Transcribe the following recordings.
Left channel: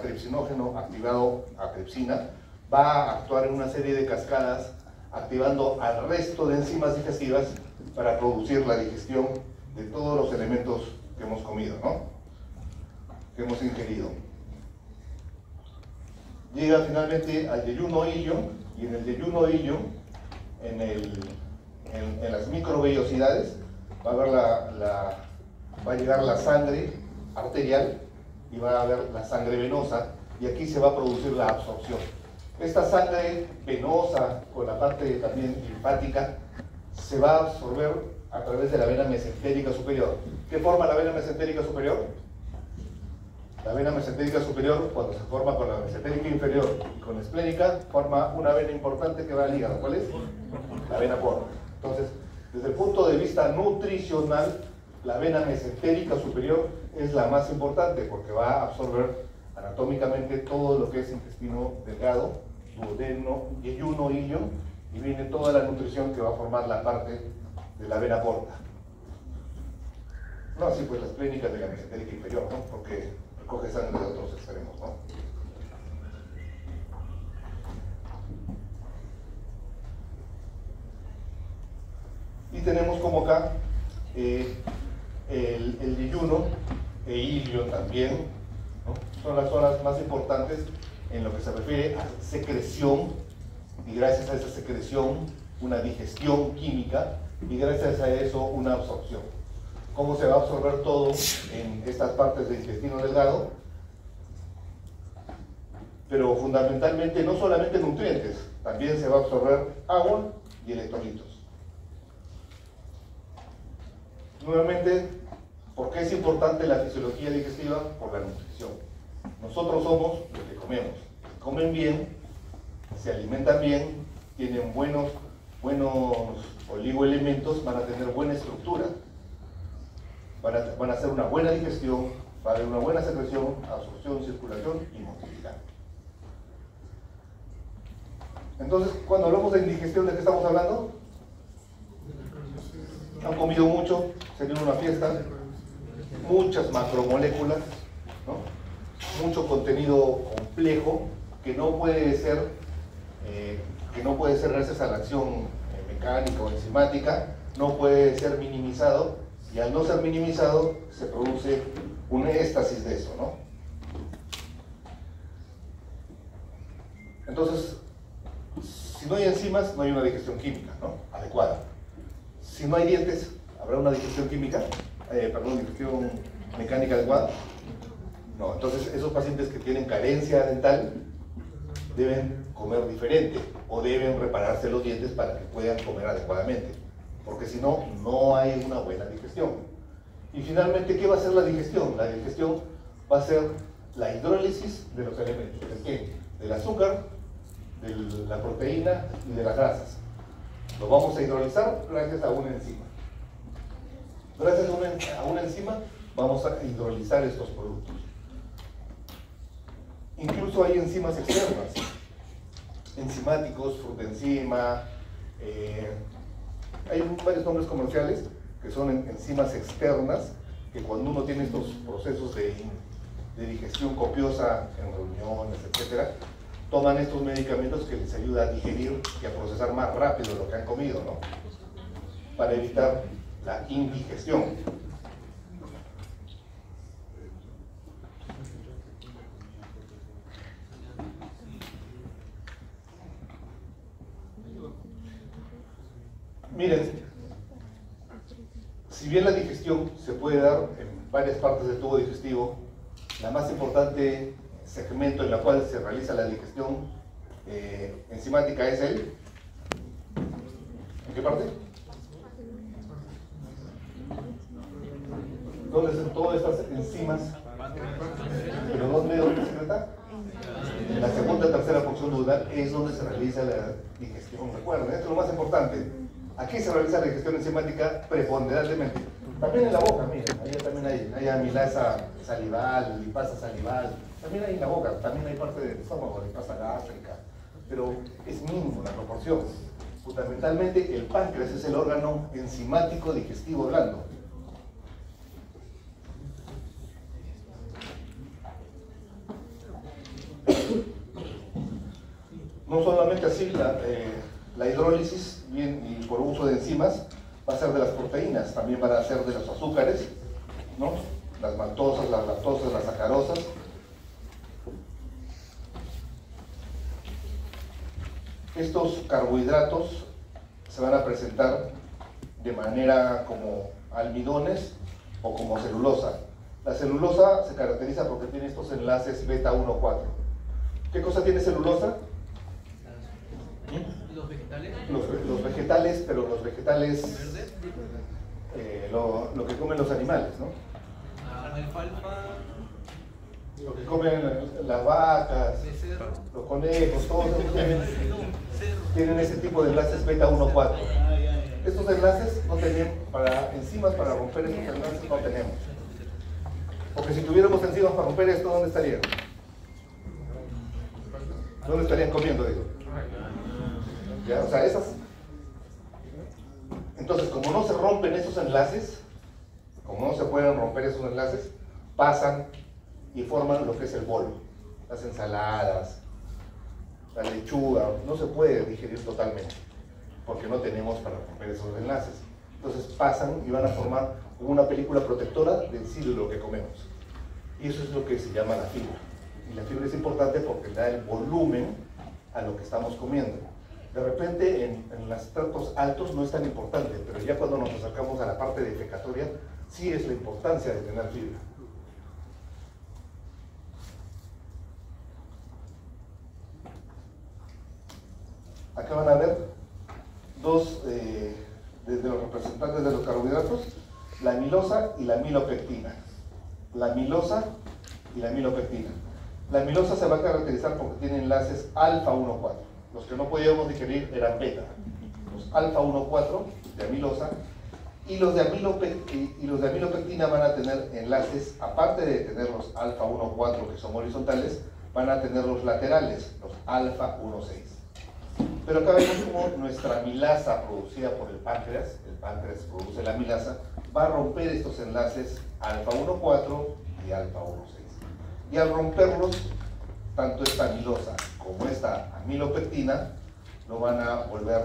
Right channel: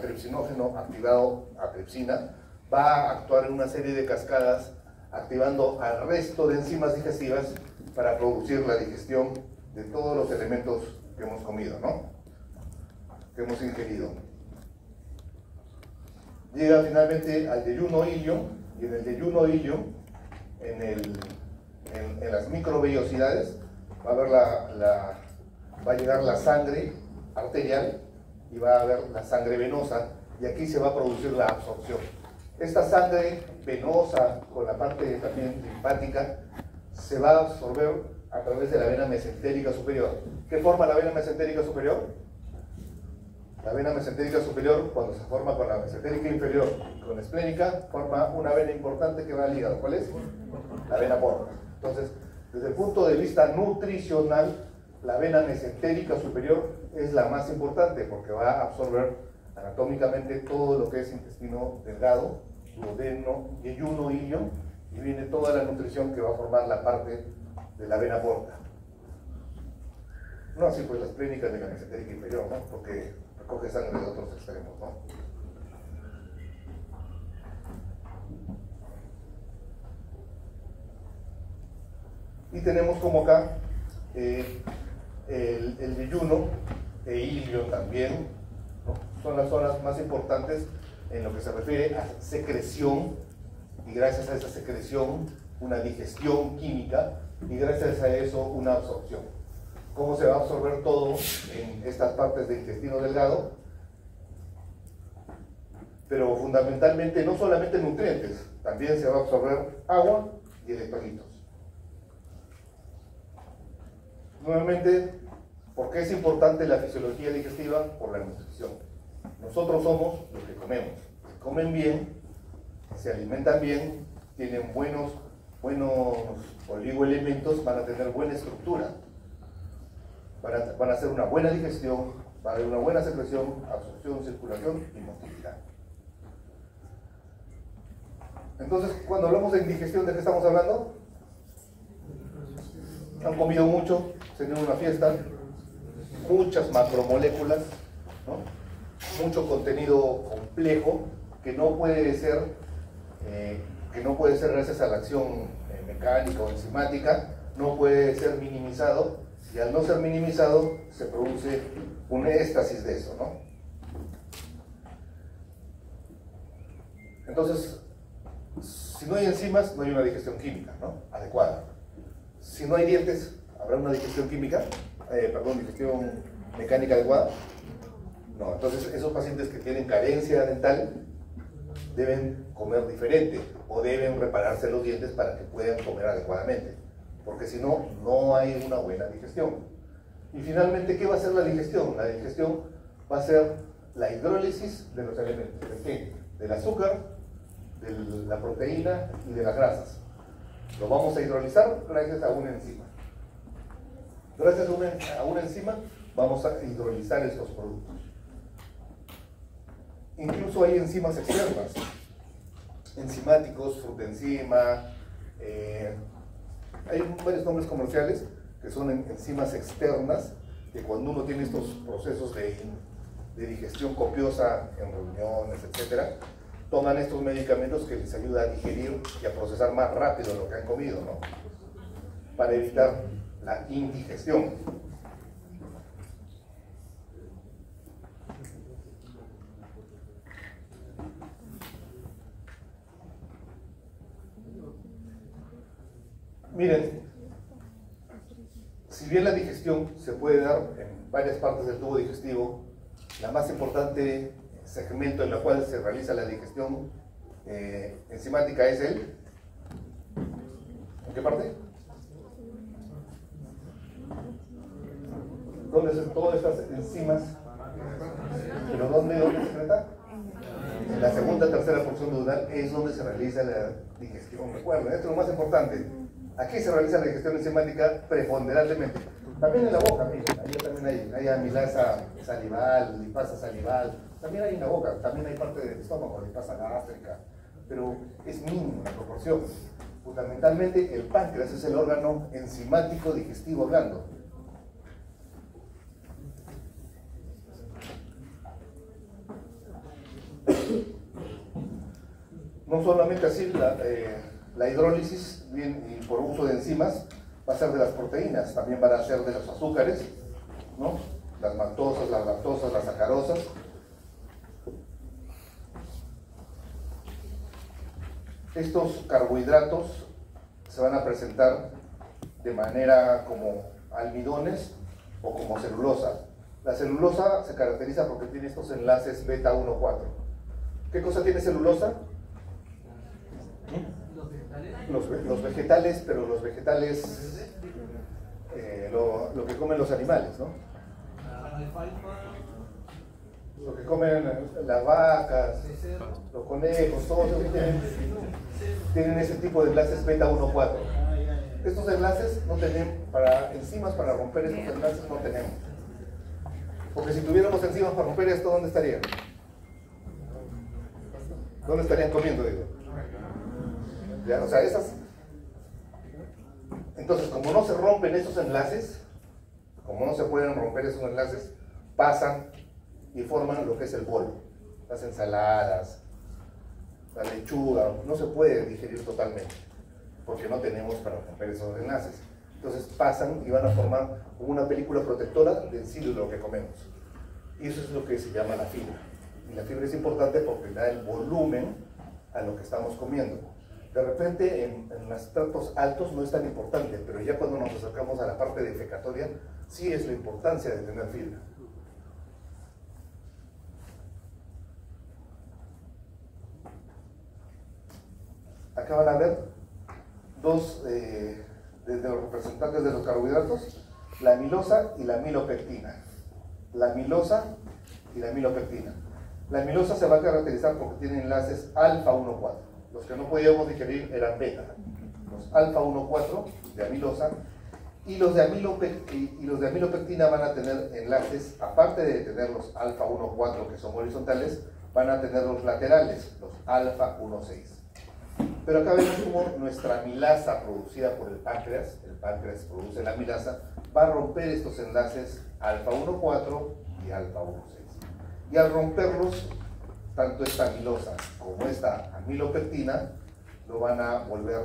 a tripsinógeno activado a tripsina, va a actuar en una serie de cascadas activando al resto de enzimas digestivas para producir la digestión de todos los elementos que hemos comido, ¿no? Que hemos ingerido. Llega finalmente al yeyuno hillo, y en el yeyuno hillo, en las microvellosidades, va a llegar la sangre arterial y va a haber la sangre venosa, y aquí se va a producir la absorción. Esta sangre venosa, con la parte también linfática, se va a absorber a través de la vena mesentérica superior. ¿Qué forma la vena mesentérica superior? La vena mesentérica superior, cuando se forma con la mesentérica inferior y con la esplénica, forma una vena importante que va al hígado. ¿Cuál es? La vena porta. Entonces, desde el punto de vista nutricional, la vena mesentérica superior es la más importante porque va a absorber anatómicamente todo lo que es intestino delgado, duodeno, yeyuno, hillo, y viene toda la nutrición que va a formar la parte de la vena porta. No así pues las clínicas de la mesentérica inferior, ¿no? Porque recoge sangre de otros extremos, ¿no? Y tenemos como acá el yeyuno e ilio también, ¿no? Son las zonas más importantes en lo que se refiere a secreción, y gracias a esa secreción una digestión química, y gracias a eso una absorción. ¿Cómo se va a absorber todo en estas partes del intestino delgado? Pero fundamentalmente no solamente nutrientes, también se va a absorber agua y electrolitos. Nuevamente, ¿por qué es importante la fisiología digestiva? Por la nutrición. Nosotros somos lo que comemos. Si comen bien, se alimentan bien, tienen buenos oligoelementos, van a tener buena estructura, van a hacer una buena digestión, va a haber una buena secreción, absorción, circulación y motilidad. Entonces, cuando hablamos de indigestión, ¿de qué estamos hablando? Han comido mucho, se dio una fiesta, muchas macromoléculas, ¿no? Mucho contenido complejo que no puede ser gracias a la acción mecánica o enzimática, no puede ser minimizado, y al no ser minimizado se produce un éxtasis de eso, ¿no? Entonces, si no hay enzimas, no hay una digestión química, ¿no? Adecuada. Si no hay dientes, ¿habrá una digestión química? Digestión mecánica adecuada. No, entonces esos pacientes que tienen carencia dental deben comer diferente o deben repararse los dientes para que puedan comer adecuadamente, porque si no, no hay una buena digestión. Y finalmente, ¿qué va a ser la digestión? La digestión va a ser la hidrólisis de los elementos. ¿De qué? Del azúcar, de la proteína y de las grasas. Lo vamos a hidrolizar gracias a una enzima. Gracias a una enzima vamos a hidrolizar estos productos. Incluso hay enzimas externas, enzimáticos, frutenzima, hay varios nombres comerciales que son enzimas externas, que cuando uno tiene estos procesos de digestión copiosa en reuniones, etc., toman estos medicamentos que les ayuda a digerir y a procesar más rápido lo que han comido, ¿no? Para evitar la indigestión. Miren, si bien la digestión se puede dar en varias partes del tubo digestivo, la más importante segmento en la cual se realiza la digestión enzimática es el... ¿En qué parte? ¿Dónde se todas estas enzimas? ¿Pero dónde secreta? En la segunda o tercera función duodal es donde se realiza la digestión. Recuerden, esto es lo más importante. Aquí se realiza la digestión enzimática preponderantemente. También en la boca, miren, ahí también hay amilasa salival, lipasa salival, también hay en la boca, también hay parte del estómago, lipasa gástrica, pero es mínimo la proporción. Fundamentalmente el páncreas es el órgano enzimático digestivo blando. No solamente así, la hidrólisis, y por uso de enzimas, va a ser de las proteínas, también van a ser de los azúcares, ¿no? Las maltosas, las lactosas, las sacarosas. Estos carbohidratos se van a presentar de manera como almidones o como celulosa. La celulosa se caracteriza porque tiene estos enlaces beta 1,4. ¿Qué cosa tiene celulosa? ¿Los vegetales? Los vegetales, pero los vegetales, lo que comen los animales, ¿no? La alfalfa. Lo que comen las vacas, los conejos, todos tienen ese tipo de enlaces beta 1,4. Estos enlaces no tenemos, para enzimas para romper estos enlaces no tenemos. Porque si tuviéramos enzimas para romper esto, ¿dónde estarían? ¿Dónde estarían comiendo, digo? ¿Ya? O sea, esas. Entonces, como no se rompen esos enlaces, como no se pueden romper esos enlaces, pasan y forman lo que es el bolo. Las ensaladas, la lechuga, no se puede digerir totalmente, porque no tenemos para romper esos enlaces. Entonces pasan y van a formar una película protectora del cilindro que comemos. Y eso es lo que se llama la fibra. Y la fibra es importante porque da el volumen a lo que estamos comiendo. De repente en los estratos altos no es tan importante, pero ya cuando nos acercamos a la parte defecatoria, sí es la importancia de tener fibra. Acá van a ver dos de los representantes de los carbohidratos, la amilosa y la amilopectina. La amilosa y la amilopectina. La amilosa se va a caracterizar porque tiene enlaces alfa 1,4. Los que no podíamos digerir eran beta. Los alfa 1,4 de amilosa y los de amilopectina van a tener enlaces, aparte de tener los alfa 1,4 que son horizontales, van a tener los laterales, los alfa 1,6. Pero acá vemos cómo nuestra amilasa producida por el páncreas produce la amilasa, va a romper estos enlaces alfa 1,4 y alfa 1,6. Y al romperlos, tanto esta amilosa como esta amilopectina lo van a volver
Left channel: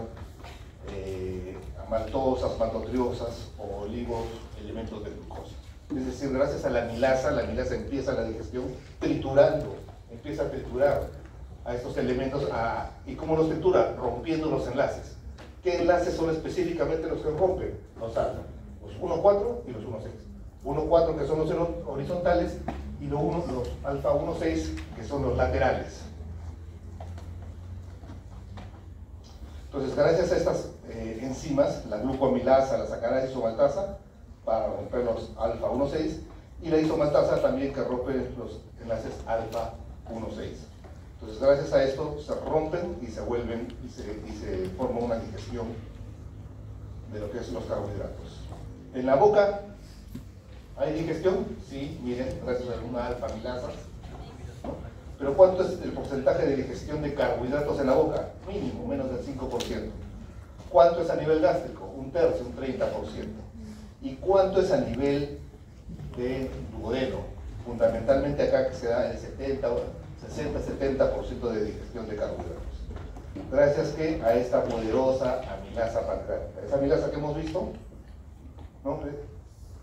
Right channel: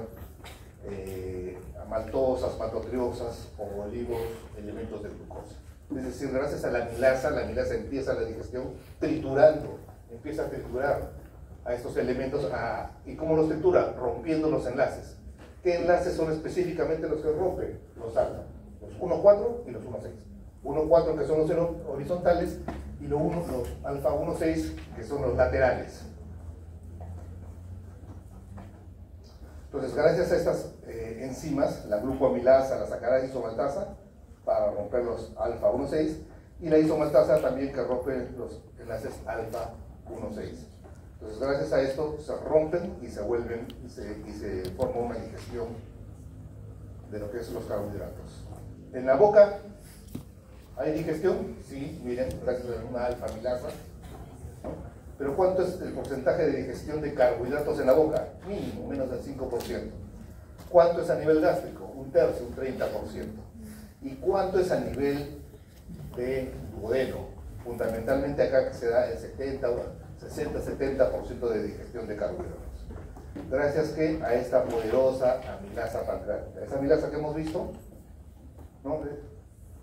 a maltosas, maltotriosas o olivos, elementos de glucosa. Es decir, gracias a la amilasa empieza la digestión triturando, empieza a triturar a estos elementos. ¿Y cómo los tritura? Rompiendo los enlaces. ¿Qué enlaces son específicamente los que rompen? Los alfa, los 1,4 y los 1,6. 1,4 que son los horizontales y los alfa 1,6 que son los laterales. Entonces, gracias a estas enzimas, la glucoamilasa, la sacarasa isomaltasa, para romper los alfa 1,6, y la isomaltasa también que rompe los enlaces alfa 1,6. Entonces, gracias a esto se rompen y se vuelven y se forma una digestión de lo que es los carbohidratos. En la boca, ¿hay digestión? Sí, miren, gracias a una alfa amilasa. ¿No? Pero ¿cuánto es el porcentaje de digestión de carbohidratos en la boca? Mínimo, menos del 5%. ¿Cuánto es a nivel gástrico? Un tercio, un 30%. ¿Y cuánto es a nivel de duodeno? Fundamentalmente acá que se da el 60-70% de digestión de carbohidratos. Gracias que a esta poderosa amilasa pancreática. Esa amilasa que hemos visto, ¿no?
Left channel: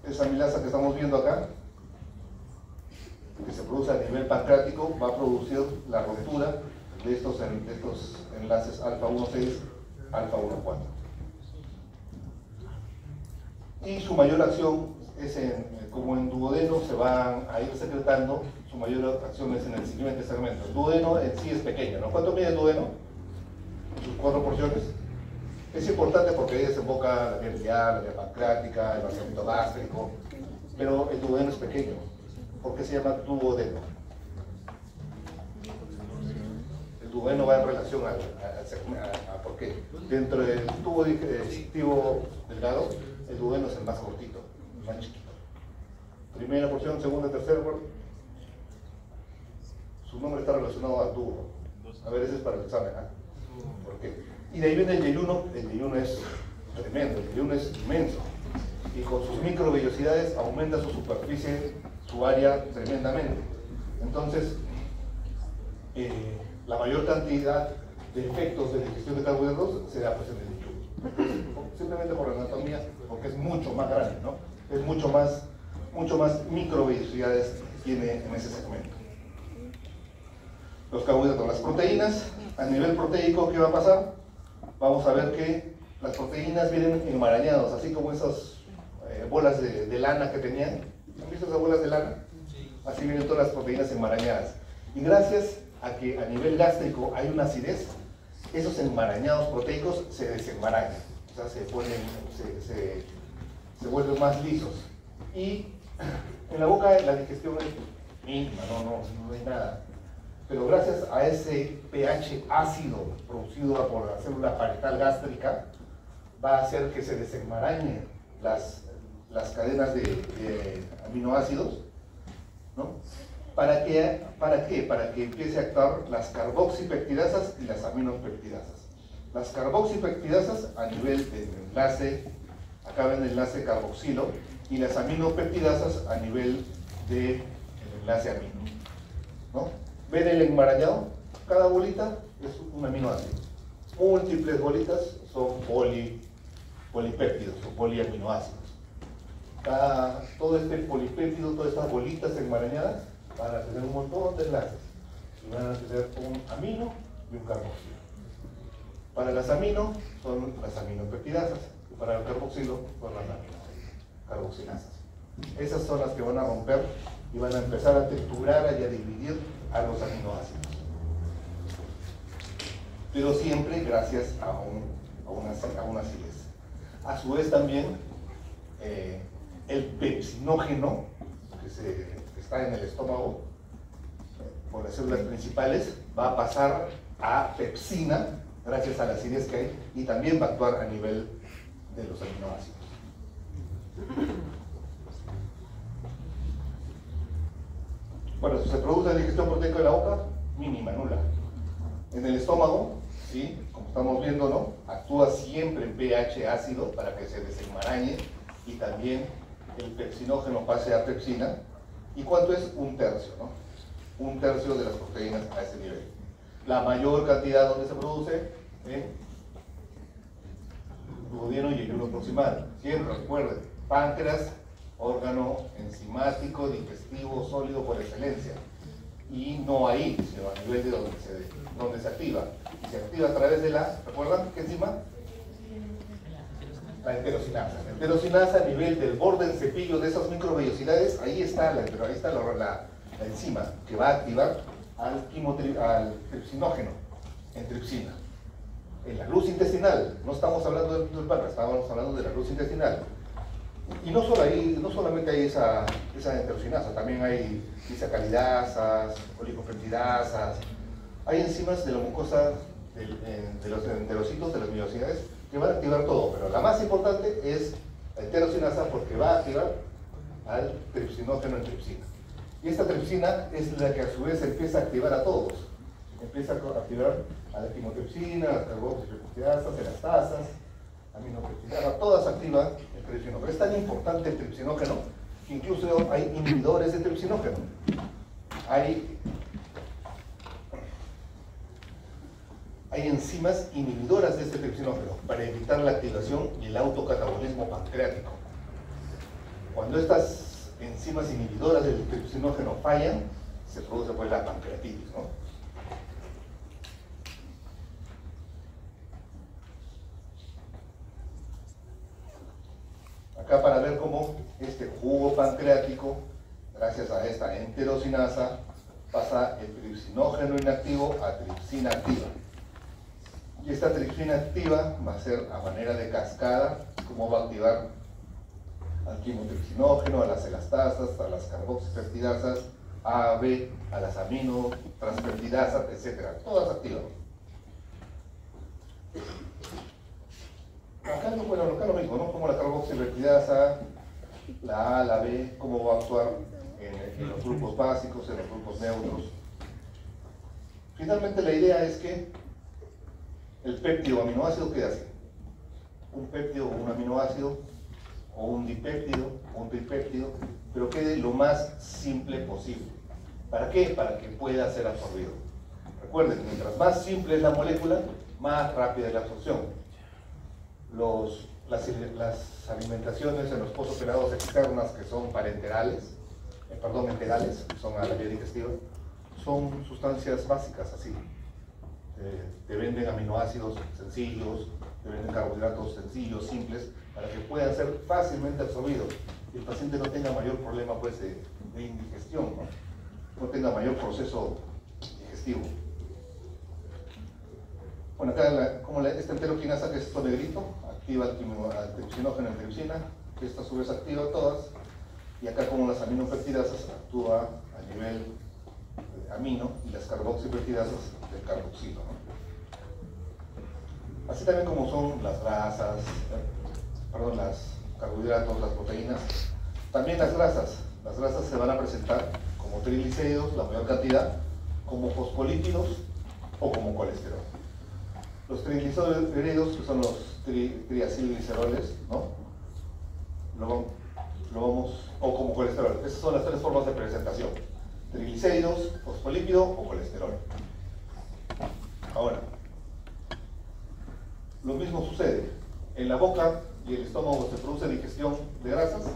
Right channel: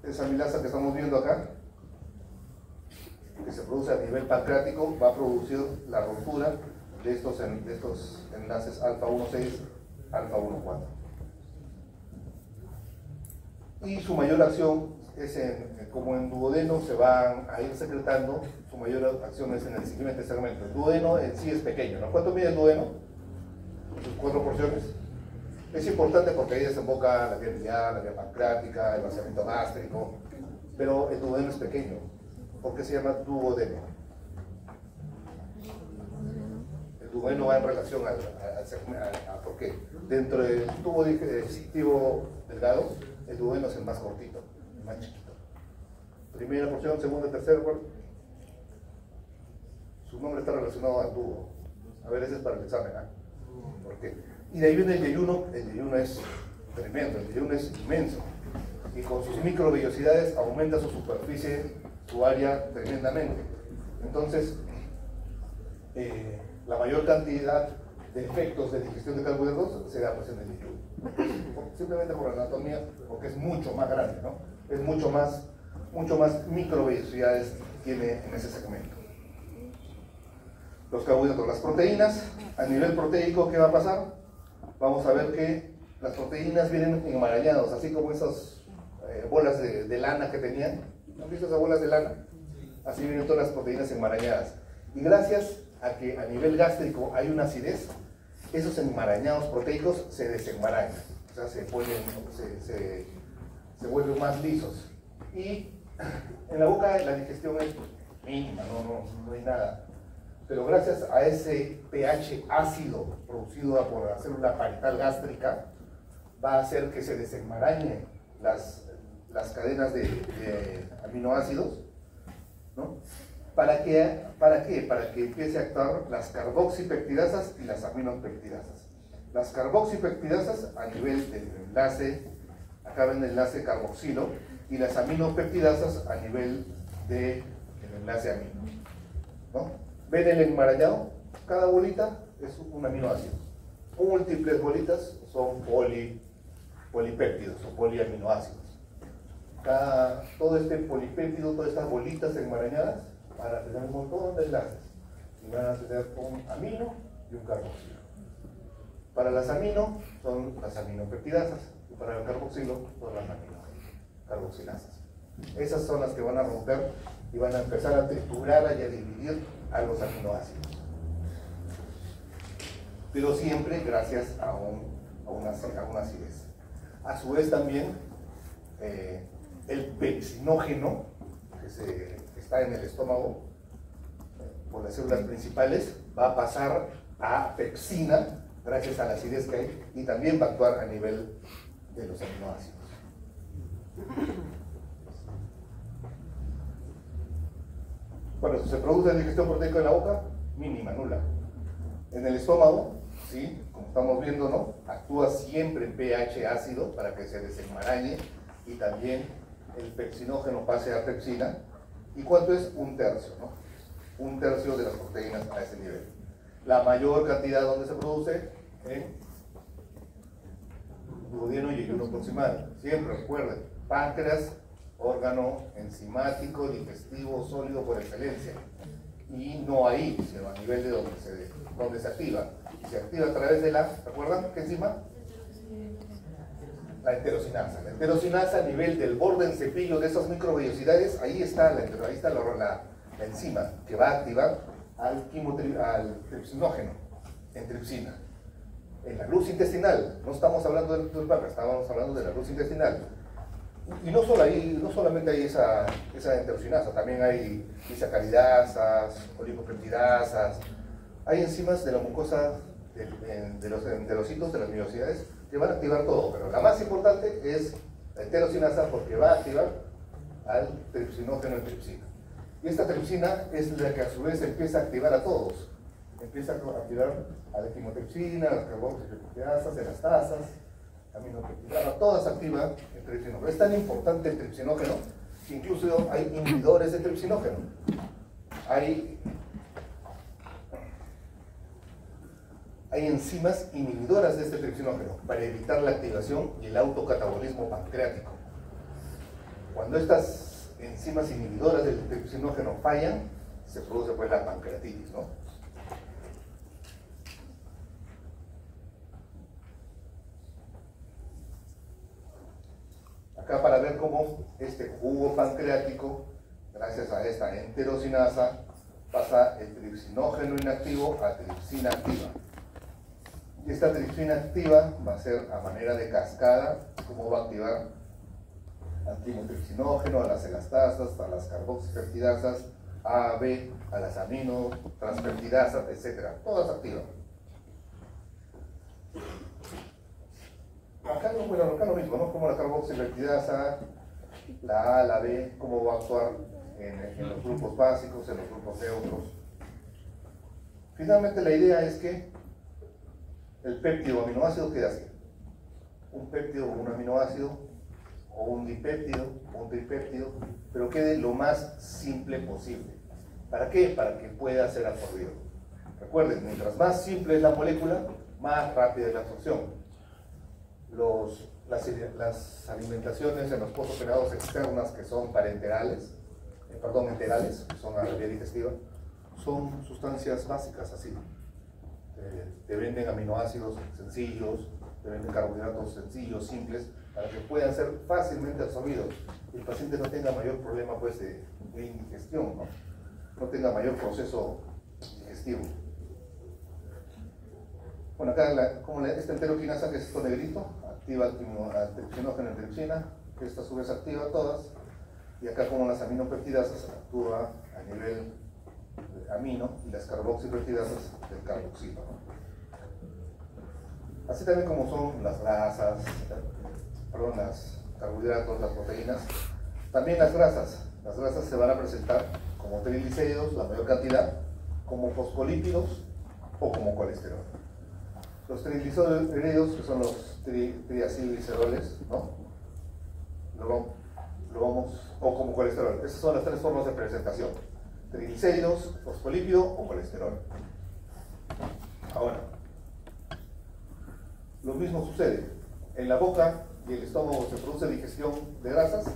Esa amilasa que estamos viendo acá, que se produce a nivel pancreático, va a producir la ruptura de estos enlaces alfa 1,6, alfa 1,4. Y su mayor acción es como en duodeno se van a ir secretando, su mayor acción es en el siguiente segmento. El duodeno en sí es pequeño, ¿no? ¿Cuánto mide el duodeno? Sus 4 porciones. Es importante porque ahí desemboca la vía biliar, la vía pancreática, el vaciamiento gástrico, pero el duodeno es pequeño. ¿Por qué se llama duodeno? El duodeno va en relación a ¿por qué? Dentro del tubo digestivo delgado, el duodeno es el más cortito, el más chiquito. Primera porción, segunda, tercera porción. Su nombre está relacionado al tubo. A ver, ese es para el examen, ¿eh? ¿Por qué? Y de ahí viene el yeyuno. El yeyuno es tremendo, el yeyuno es inmenso. Y con sus microvellosidades aumenta su superficie, su área tremendamente. Entonces, la mayor cantidad de efectos de digestión de carbohidratos se da pues en el líquido. Simplemente por la anatomía, porque es mucho más grande, ¿no? Es mucho más microvellosidades tiene en ese segmento. Los carbohidratos, las proteínas, a nivel proteico, ¿qué va a pasar? Vamos a ver que las proteínas vienen enmarañadas, así como esas bolas de lana que tenían. ¿Han visto esas bolas de lana? Así vienen todas las proteínas enmarañadas. Y gracias a que a nivel gástrico hay una acidez, esos enmarañados proteicos se desenmarañan, o sea, se vuelven más lisos. Y en la boca la digestión es mínima, no hay nada. Pero gracias a ese pH ácido producido por la célula parietal gástrica, va a hacer que se desenmarañen las cadenas de aminoácidos, ¿no? ¿Para qué? Para que empiece a actuar las carboxipeptidasas y las aminopeptidasas. Las carboxipeptidasas a nivel del enlace, acá ven el enlace carboxilo, y las aminopeptidasas a nivel del enlace amino, ¿no? ¿Ven el enmarañado? Cada bolita es un aminoácido. Múltiples bolitas son polipéptidos o poliaminoácidos. Todo este polipéptido, todas estas bolitas enmarañadas van a tener un montón de enlaces y van a tener un amino y un carboxilo. Para las amino son las aminopeptidasas y para el carboxilo son las carboxilasas. Esas son las que van a romper y van a empezar a triturar y a dividir a los aminoácidos. Pero siempre gracias a una acidez. A su vez también el pepsinógeno que está en el estómago por las células principales va a pasar a pepsina gracias a la acidez que hay y también va a actuar a nivel de los aminoácidos. Bueno, se produce digestión proteica en la boca, mínima, nula. En el estómago, ¿sí? Como estamos viendo, ¿no? Actúa siempre en pH ácido para que se desenmarañe y también el pepsinógeno pase a pepsina. ¿Y cuánto es? 1/3, ¿no? 1/3 de las proteínas a ese nivel. La mayor cantidad donde se produce en duodeno y ayuno proximal. Siempre recuerden, páncreas, órgano enzimático, digestivo, sólido por excelencia. Y no ahí, sino a nivel de donde se activa. Y se activa a través de ¿recuerdan qué enzima? La enterocinasa. La enterocinasa a nivel del borde del cepillo de esas microvellosidades, ahí está la enzima que va a activar al tripsinógeno en tripsina. En la luz intestinal, no estamos hablando del páncreas, estamos hablando de la luz intestinal. Y no solamente hay esa enterocinasa, también hay disacaridasas, olipopeptidasas, hay enzimas de la mucosa de los enterocitos, de las vellosidades, que van a activar todo, pero la más importante es la enterocinasa porque va a activar al tripsinógeno en tripsina. Y esta tripsina es la que a su vez empieza a activar a todos. Empieza a activar a la quimotripsina, a las carboxipeptidasas, elastasas, aminopeptidasas, todas activan el tripsinógeno. Es tan importante el tripsinógeno que incluso hay inhibidores de tripsinógeno. Hay enzimas inhibidoras de este tripsinógeno para evitar la activación y el autocatabolismo pancreático. Cuando estas enzimas inhibidoras del tripsinógeno fallan, se produce pues la pancreatitis, ¿no? Acá para ver cómo este jugo pancreático, gracias a esta enterocinasa, pasa el tripsinógeno inactivo a tripsina activa. Y esta tripsina activa va a ser a manera de cascada, cómo va a activar al quimotripsinógeno, a las elastasas, a las carboxipeptidasas, A, B, a las aminotranseptidasas, etc. Todas activan. Acá lo mismo, ¿no? Como la carboxipeptidasa, la A, la B, cómo va a actuar en los grupos básicos, en los grupos neutros. Finalmente la idea es que el péptido o aminoácido queda así. Un péptido o un aminoácido, o un dipéptido o un tripéptido, pero quede lo más simple posible. ¿Para qué? Para que pueda ser absorbido. Recuerden, mientras más simple es la molécula, más rápida es la absorción. Las alimentaciones en los postoperados externas que son parenterales, enterales, que son a la vía digestiva, son sustancias básicas así. Te venden aminoácidos sencillos, te venden carbohidratos sencillos, simples, para que puedan ser fácilmente absorbidos y el paciente no tenga mayor problema pues, de indigestión, no tenga mayor proceso digestivo. Bueno, acá esta enteroquinasa, que es esto negrito, activa antiopsinógena en tripsina, que esta a su vez activa todas, y acá como las aminopeptidasas actúa a nivel amino y las carboxipeptidasas del carboxilo, ¿no? Así también como son las grasas, los carbohidratos, las proteínas, también las grasas se van a presentar como triglicéridos, la mayor cantidad, como fosfolípidos o como colesterol. Los triglicéridos, que son los triacilgliceroles, ¿no? O como colesterol. Esas son las tres formas de presentación: triglicéridos, fosfolípido o colesterol. Ahora, lo mismo sucede. En la boca y el estómago se produce digestión de grasas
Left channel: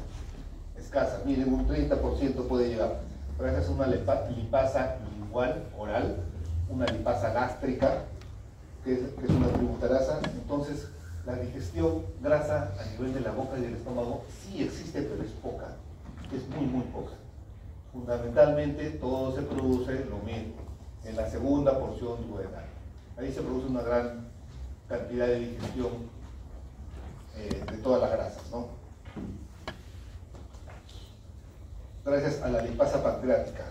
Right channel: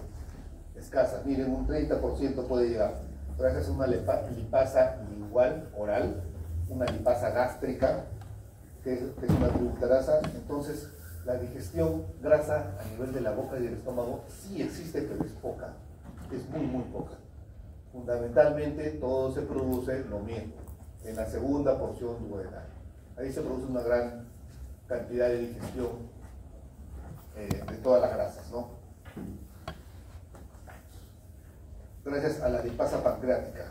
escasa. Miren, un 30% puede llegar. Pero esa es una lipasa igual oral, una lipasa gástrica, que es una tributarasa. Entonces, la digestión grasa a nivel de la boca y del estómago sí existe, pero es poca, es muy poca. Fundamentalmente todo se produce lo mismo, en la segunda porción duodenal. Ahí se produce una gran cantidad de digestión de todas las grasas, ¿no? Gracias a la lipasa pancreática.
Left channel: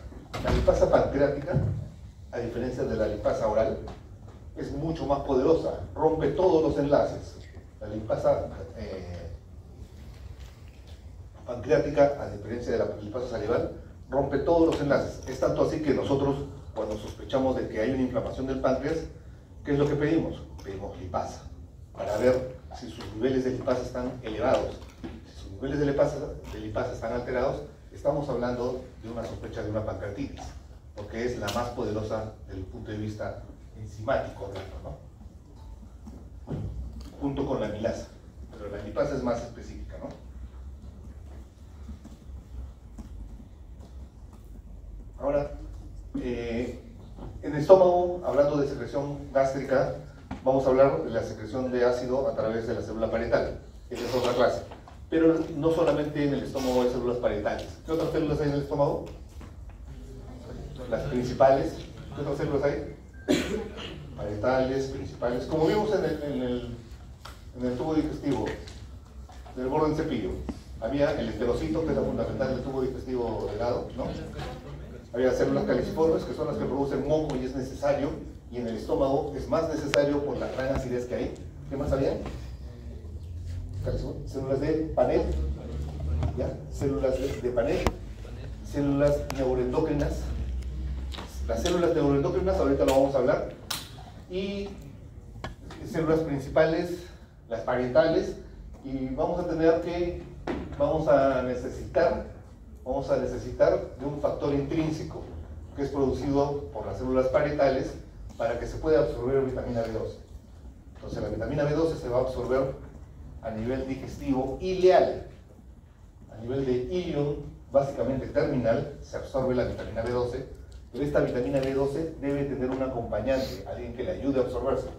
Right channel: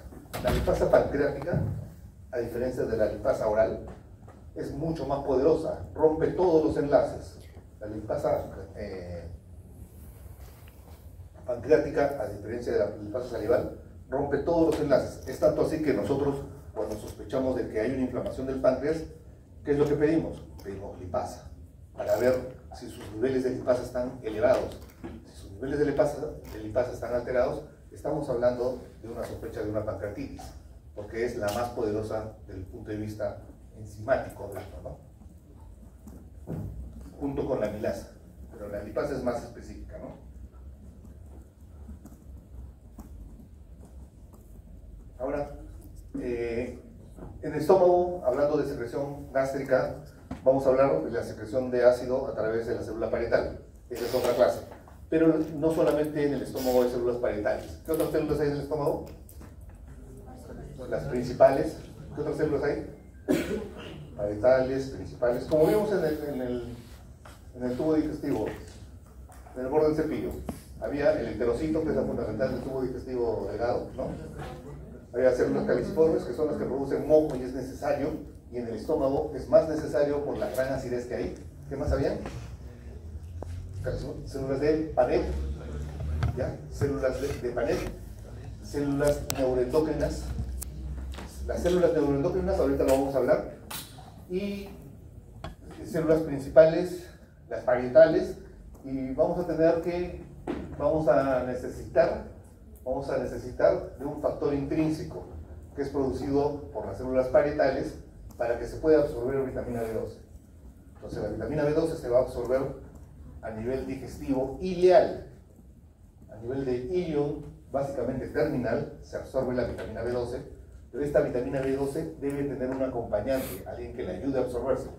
La lipasa pancreática, a diferencia de la lipasa oral, es mucho más poderosa, rompe todos los enlaces. La lipasa pancreática, a diferencia de la lipasa salival, rompe todos los enlaces. Es tanto así que nosotros, cuando sospechamos de que hay una inflamación del páncreas, ¿qué es lo que pedimos? Pedimos lipasa, para ver si sus niveles de lipasa están elevados. Si sus niveles de lipasa están alterados, estamos hablando de una sospecha de una pancreatitis, porque es la más poderosa desde el punto de vista enzimático de esto, ¿no? Junto con la amilasa, pero la lipasa es más específica, ¿no? Ahora, en el estómago, hablando de secreción gástrica, vamos a hablar de la secreción de ácido a través de la célula parietal. Esa es otra clase. Pero no solamente en el estómago hay células parietales. ¿Qué otras células hay en el estómago? Las principales. ¿Qué otras células hay? Parietales, principales. Como vimos en el tubo digestivo, en el borde del cepillo, había el enterocito, que es la fundamental del tubo digestivo delgado, ¿no? Había células caliciformes, que son las que producen moco y es necesario, y en el estómago es más necesario por la gran acidez que hay. ¿Qué más había? Células de Paneth, ¿ya? Células de Paneth, células neuroendocrinas. Las células neuroendocrinas, ahorita lo vamos a hablar, y células principales, las parietales, y vamos a necesitar de un factor intrínseco que es producido por las células parietales para que se pueda absorber vitamina B12. Entonces la vitamina B12 se va a absorber a nivel digestivo ileal. A nivel de ilion, básicamente terminal, se absorbe la vitamina B12, pero esta vitamina B12 debe tener un acompañante, alguien que le ayude a absorberse,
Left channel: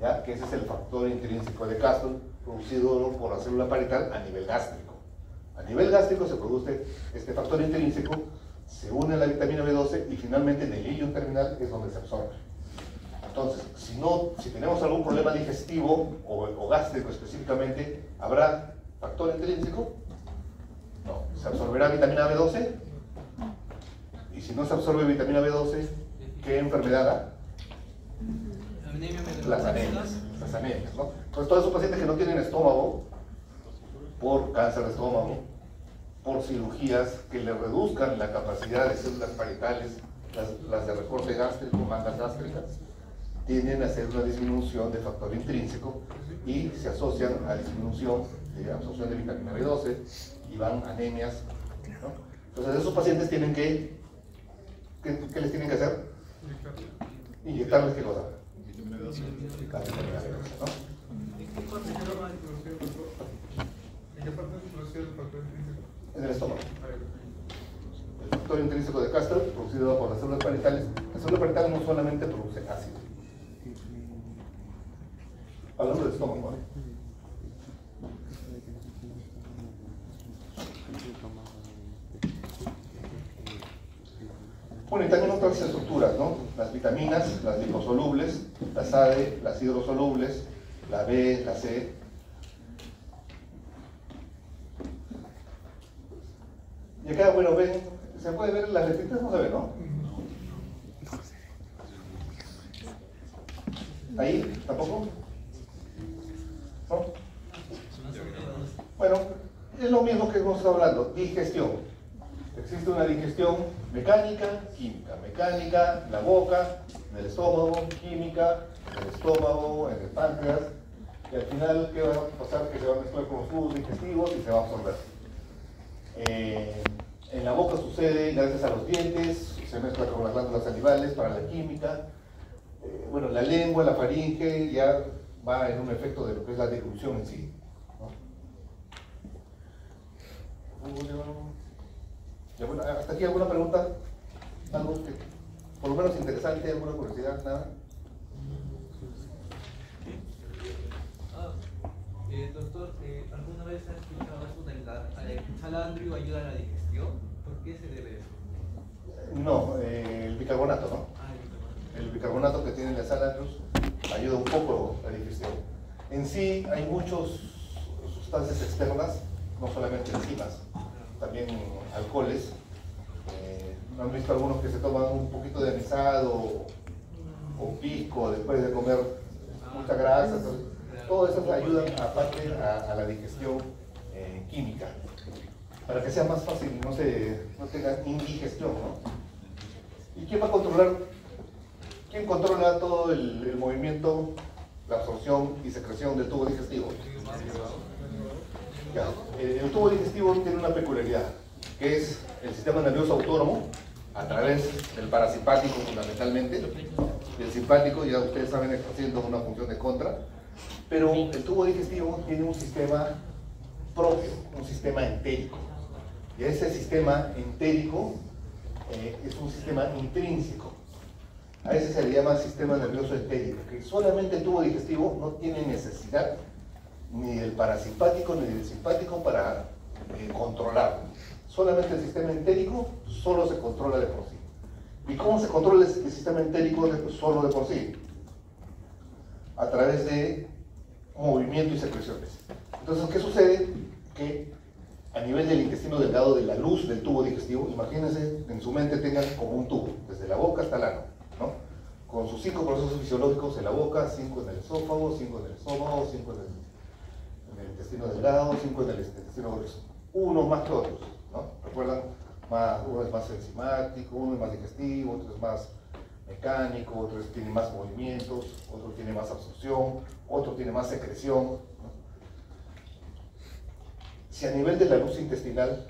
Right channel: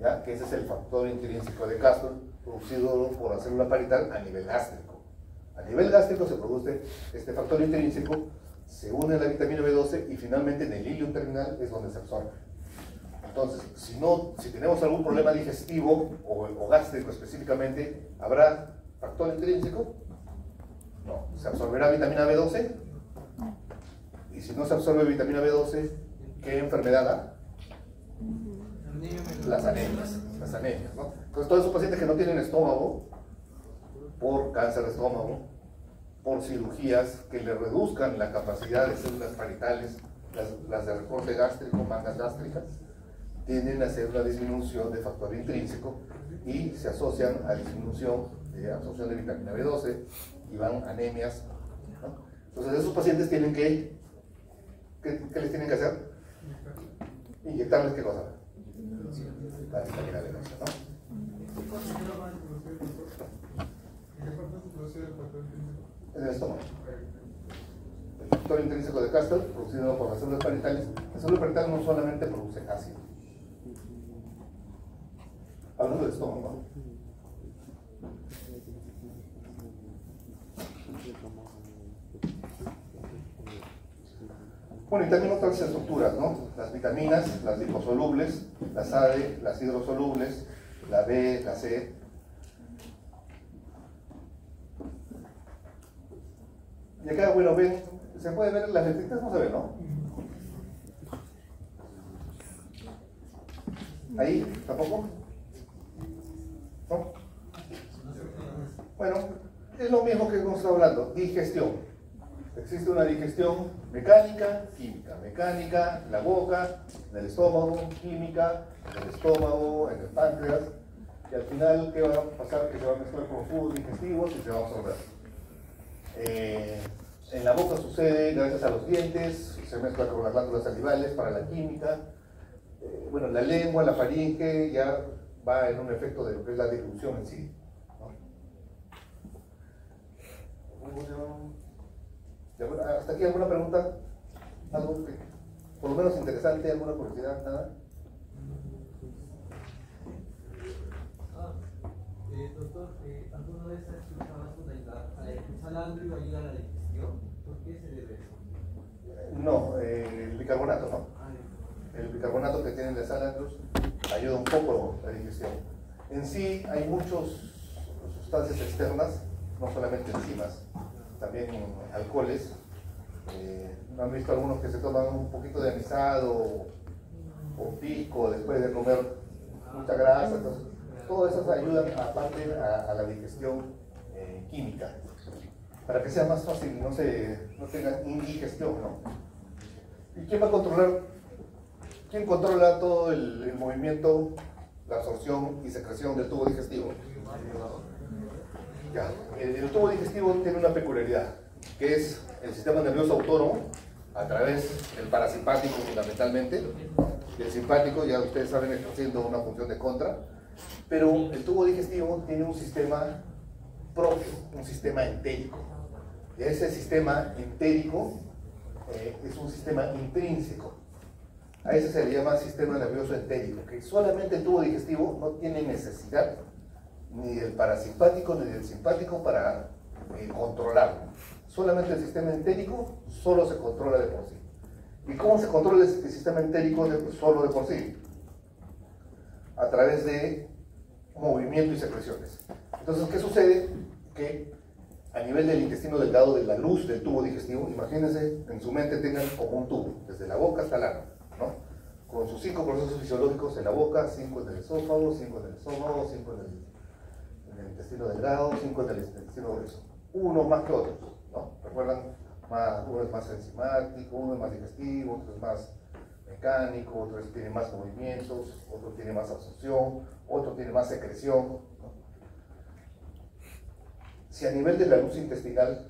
¿ya? Que ese es el factor intrínseco de Castle, producido por la célula parietal a nivel gástrico. A nivel gástrico se produce este factor intrínseco, se une a la vitamina B12 y finalmente en el ilion terminal es donde se absorbe. Entonces, si tenemos algún problema digestivo o gástrico específicamente, ¿habrá factor intrínseco? No. ¿Se absorberá vitamina B12? Y si no se absorbe vitamina B12, ¿qué enfermedad da? Las anemias, ¿no? Entonces, todos esos pacientes que no tienen estómago, por cáncer de estómago, por cirugías que le reduzcan la capacidad de células parietales, las de recorte gástrico, mangas gástricas, tienden a hacer una disminución de factor intrínseco y se asocian a disminución de absorción de vitamina B12 y van anemias, ¿no? Entonces esos pacientes tienen ¿qué les tienen que hacer? inyectarles qué cosa. La vitamina venosa, ¿no? ¿En qué parte se produce el factor intrínseco? En el estómago. El factor intrínseco de Castor, producido por las células parietales. Las células parietales no solamente producen ácido. Hablando del estómago, ¿no? Bueno, y también otras estructuras, ¿no? Las vitaminas, las liposolubles, las AD, las hidrosolubles, la B, la C. Y acá, bueno, ven, ¿se puede ver las letritas? No se ve, ¿no? ¿Ahí? ¿Tampoco? ¿No? Bueno, es lo mismo que hemos estado hablando, digestión. Existe una digestión mecánica, química. Mecánica en la boca, en el estómago, química en el estómago, en el páncreas. Y al final, ¿qué va a pasar? Que se va a mezclar con los jugos digestivos y se va a absorber. En la boca sucede gracias a los dientes, se mezcla con las glándulas salivales para la química. Bueno, la lengua, la faringe, ya va en un efecto de lo que es la deglución en sí, ¿no? Ya, bueno, ¿hasta aquí alguna pregunta? ¿Algo que, por lo menos interesante, alguna curiosidad? ¿Nada? Doctor, ¿alguna vez has escuchado eso de el salandrio ayuda a la digestión? ¿Por qué se debe eso? No, el bicarbonato, ¿no? El bicarbonato que tienen las salandrios ayuda un poco a la digestión. En sí hay muchas sustancias externas, no solamente enzimas, también alcoholes. ¿Han visto algunos que se toman un poquito de anisado o pisco después de comer mucha grasa? Entonces, todas esas ayudan aparte a la digestión química, para que sea más fácil y no tengan indigestión, ¿no? ¿Y quién va a controlar? ¿Quién controla todo el movimiento, la absorción y secreción del tubo digestivo? Ya, el tubo digestivo tiene una peculiaridad, que es el sistema nervioso autónomo, a través del parasimpático fundamentalmente. El simpático, ya ustedes saben, está haciendo una función de contra, pero el tubo digestivo tiene un sistema propio, un sistema entérico. Y ese sistema entérico es un sistema intrínseco. A ese se le llama sistema nervioso entérico, que solamente el tubo digestivo no tiene necesidad ni del parasimpático ni del simpático para controlarlo. Solamente el sistema entérico solo se controla de por sí. ¿Y cómo se controla el sistema entérico solo de por sí? A través de movimiento y secreciones. Entonces, ¿qué sucede? Que a nivel del intestino delgado, de la luz del tubo digestivo, imagínense, en su mente tengan como un tubo, desde la boca hasta el ano, ¿no? Con sus 5 procesos fisiológicos en la boca, 5 en el esófago, 5 en el estómago, 5 en el intestino delgado, 5 en el intestino grueso. Unos más que otros, ¿no? ¿Recuerdan? Uno es más enzimático, uno es más digestivo, otro es más mecánico, otro tiene más movimientos, otro tiene más absorción, otro tiene más secreción, ¿no? Si a nivel de la luz intestinal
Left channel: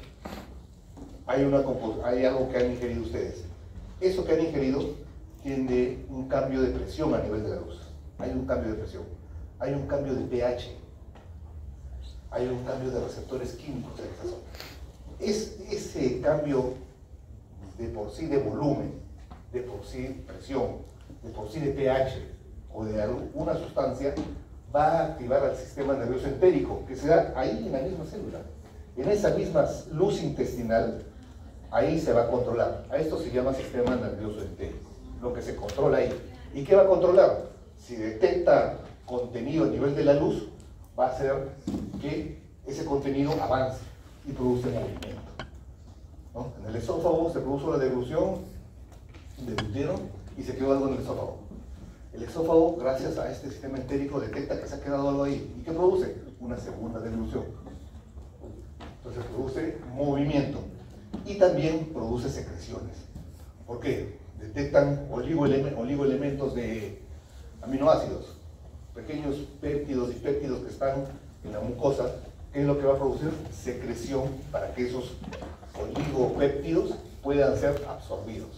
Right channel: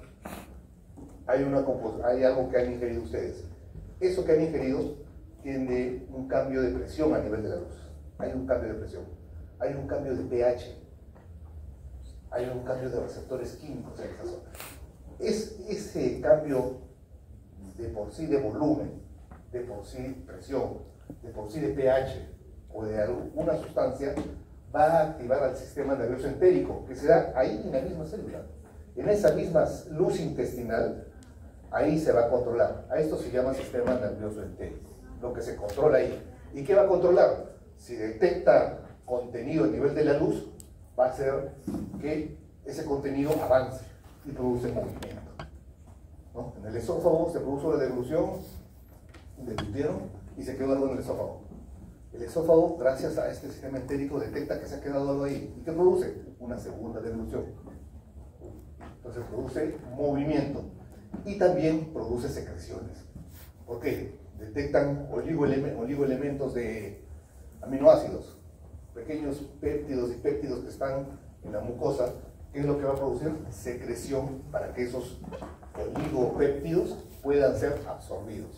hay algo que han ingerido ustedes, eso que han ingerido tiene un cambio de presión a nivel de la luz. Hay un cambio de presión, hay un cambio de pH, hay un cambio de receptores químicos en esa zona. Ese cambio de por sí de volumen, de por sí presión, de por sí de pH o de alguna sustancia va a activar al sistema nervioso entérico, que se da ahí en la misma célula. En esa misma luz intestinal, ahí se va a controlar. A esto se llama sistema nervioso entérico, lo que se controla ahí. ¿Y qué va a controlar? Si detecta contenido a nivel de la luz, va a hacer que ese contenido avance y produce movimiento, ¿no? En el esófago se produjo la deglución, deglutieron y se quedó algo en el esófago. El esófago, gracias a este sistema entérico, detecta que se ha quedado algo ahí. ¿Y qué produce? Una segunda deglución. Entonces produce movimiento y también produce secreciones. ¿Por qué? Detectan oligoelementos de aminoácidos, pequeños péptidos y péptidos que están en la mucosa. ¿Qué es lo que va a producir? Secreción para que esos oligopéptidos puedan ser absorbidos.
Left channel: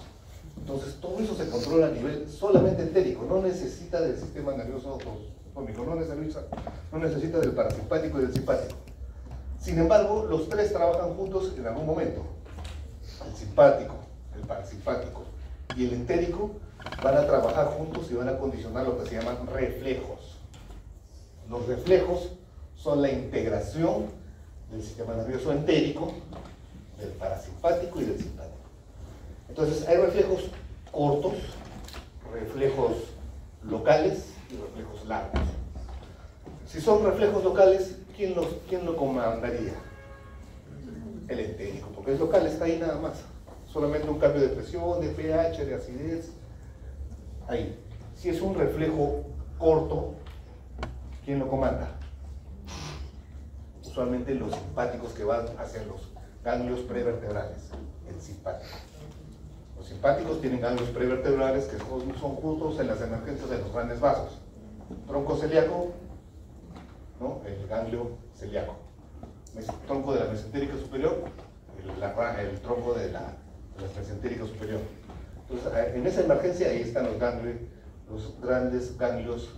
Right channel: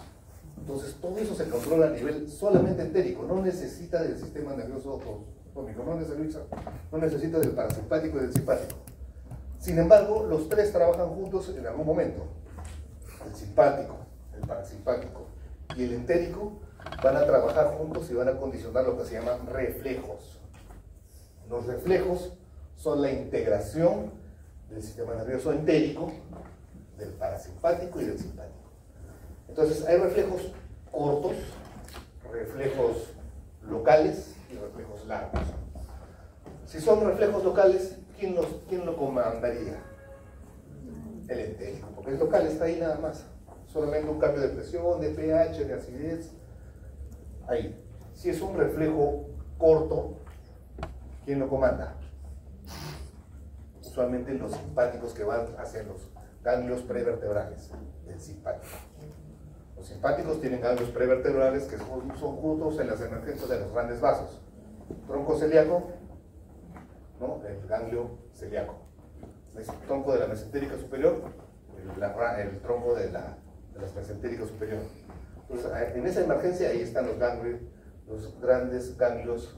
Entonces todo eso se controla a nivel solamente entérico, no necesita del sistema nervioso autonómico, no necesita del parasimpático y del simpático. Sin embargo, los tres trabajan juntos en algún momento. El simpático, el parasimpático y el entérico van a trabajar juntos y van a condicionar lo que se llaman reflejos. Los reflejos son la integración del sistema nervioso entérico, del parasimpático y del simpático. Entonces hay reflejos cortos, reflejos locales y reflejos largos. Si son reflejos locales, ¿quién lo comandaría? El entérico, porque es local, está ahí nada más. Solamente un cambio de presión, de pH, de acidez. Ahí. Si es un reflejo corto, ¿quién lo comanda? Usualmente los simpáticos que van hacia los ganglios prevertebrales, el simpático. Los simpáticos tienen ganglios prevertebrales que son juntos en las emergencias de los grandes vasos. Tronco celíaco, ¿no? El ganglio celíaco. Tronco de la mesentérica superior, el tronco de la mesentérica superior. Entonces, en esa emergencia ahí están los grandes ganglios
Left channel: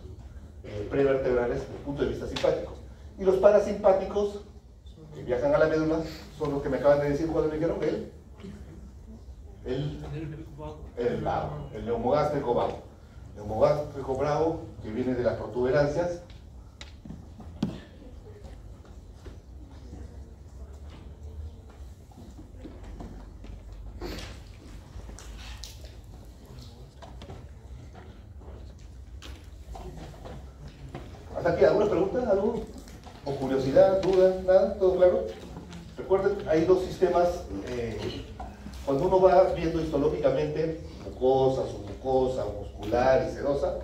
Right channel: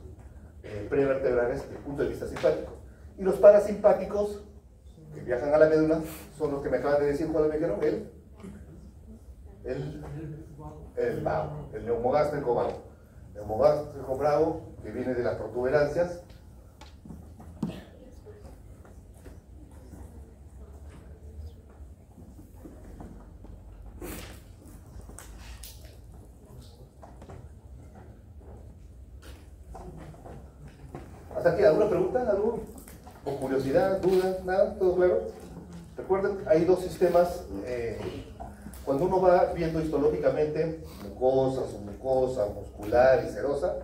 prevertebrales desde el punto de vista simpático. Y los parasimpáticos, que viajan a la médula, son los que me acaban de decir cuando me dijeron el vago, el neumogástrico vago. El neumogástrico bravo, que viene de las protuberancias. ¿Hasta aquí alguna pregunta? ¿Algo? ¿O curiosidad, duda? ¿Nada? ¿Todo claro? Recuerden, hay dos sistemas. Cuando uno va viendo histológicamente mucosa, submucosa, muscular y serosa,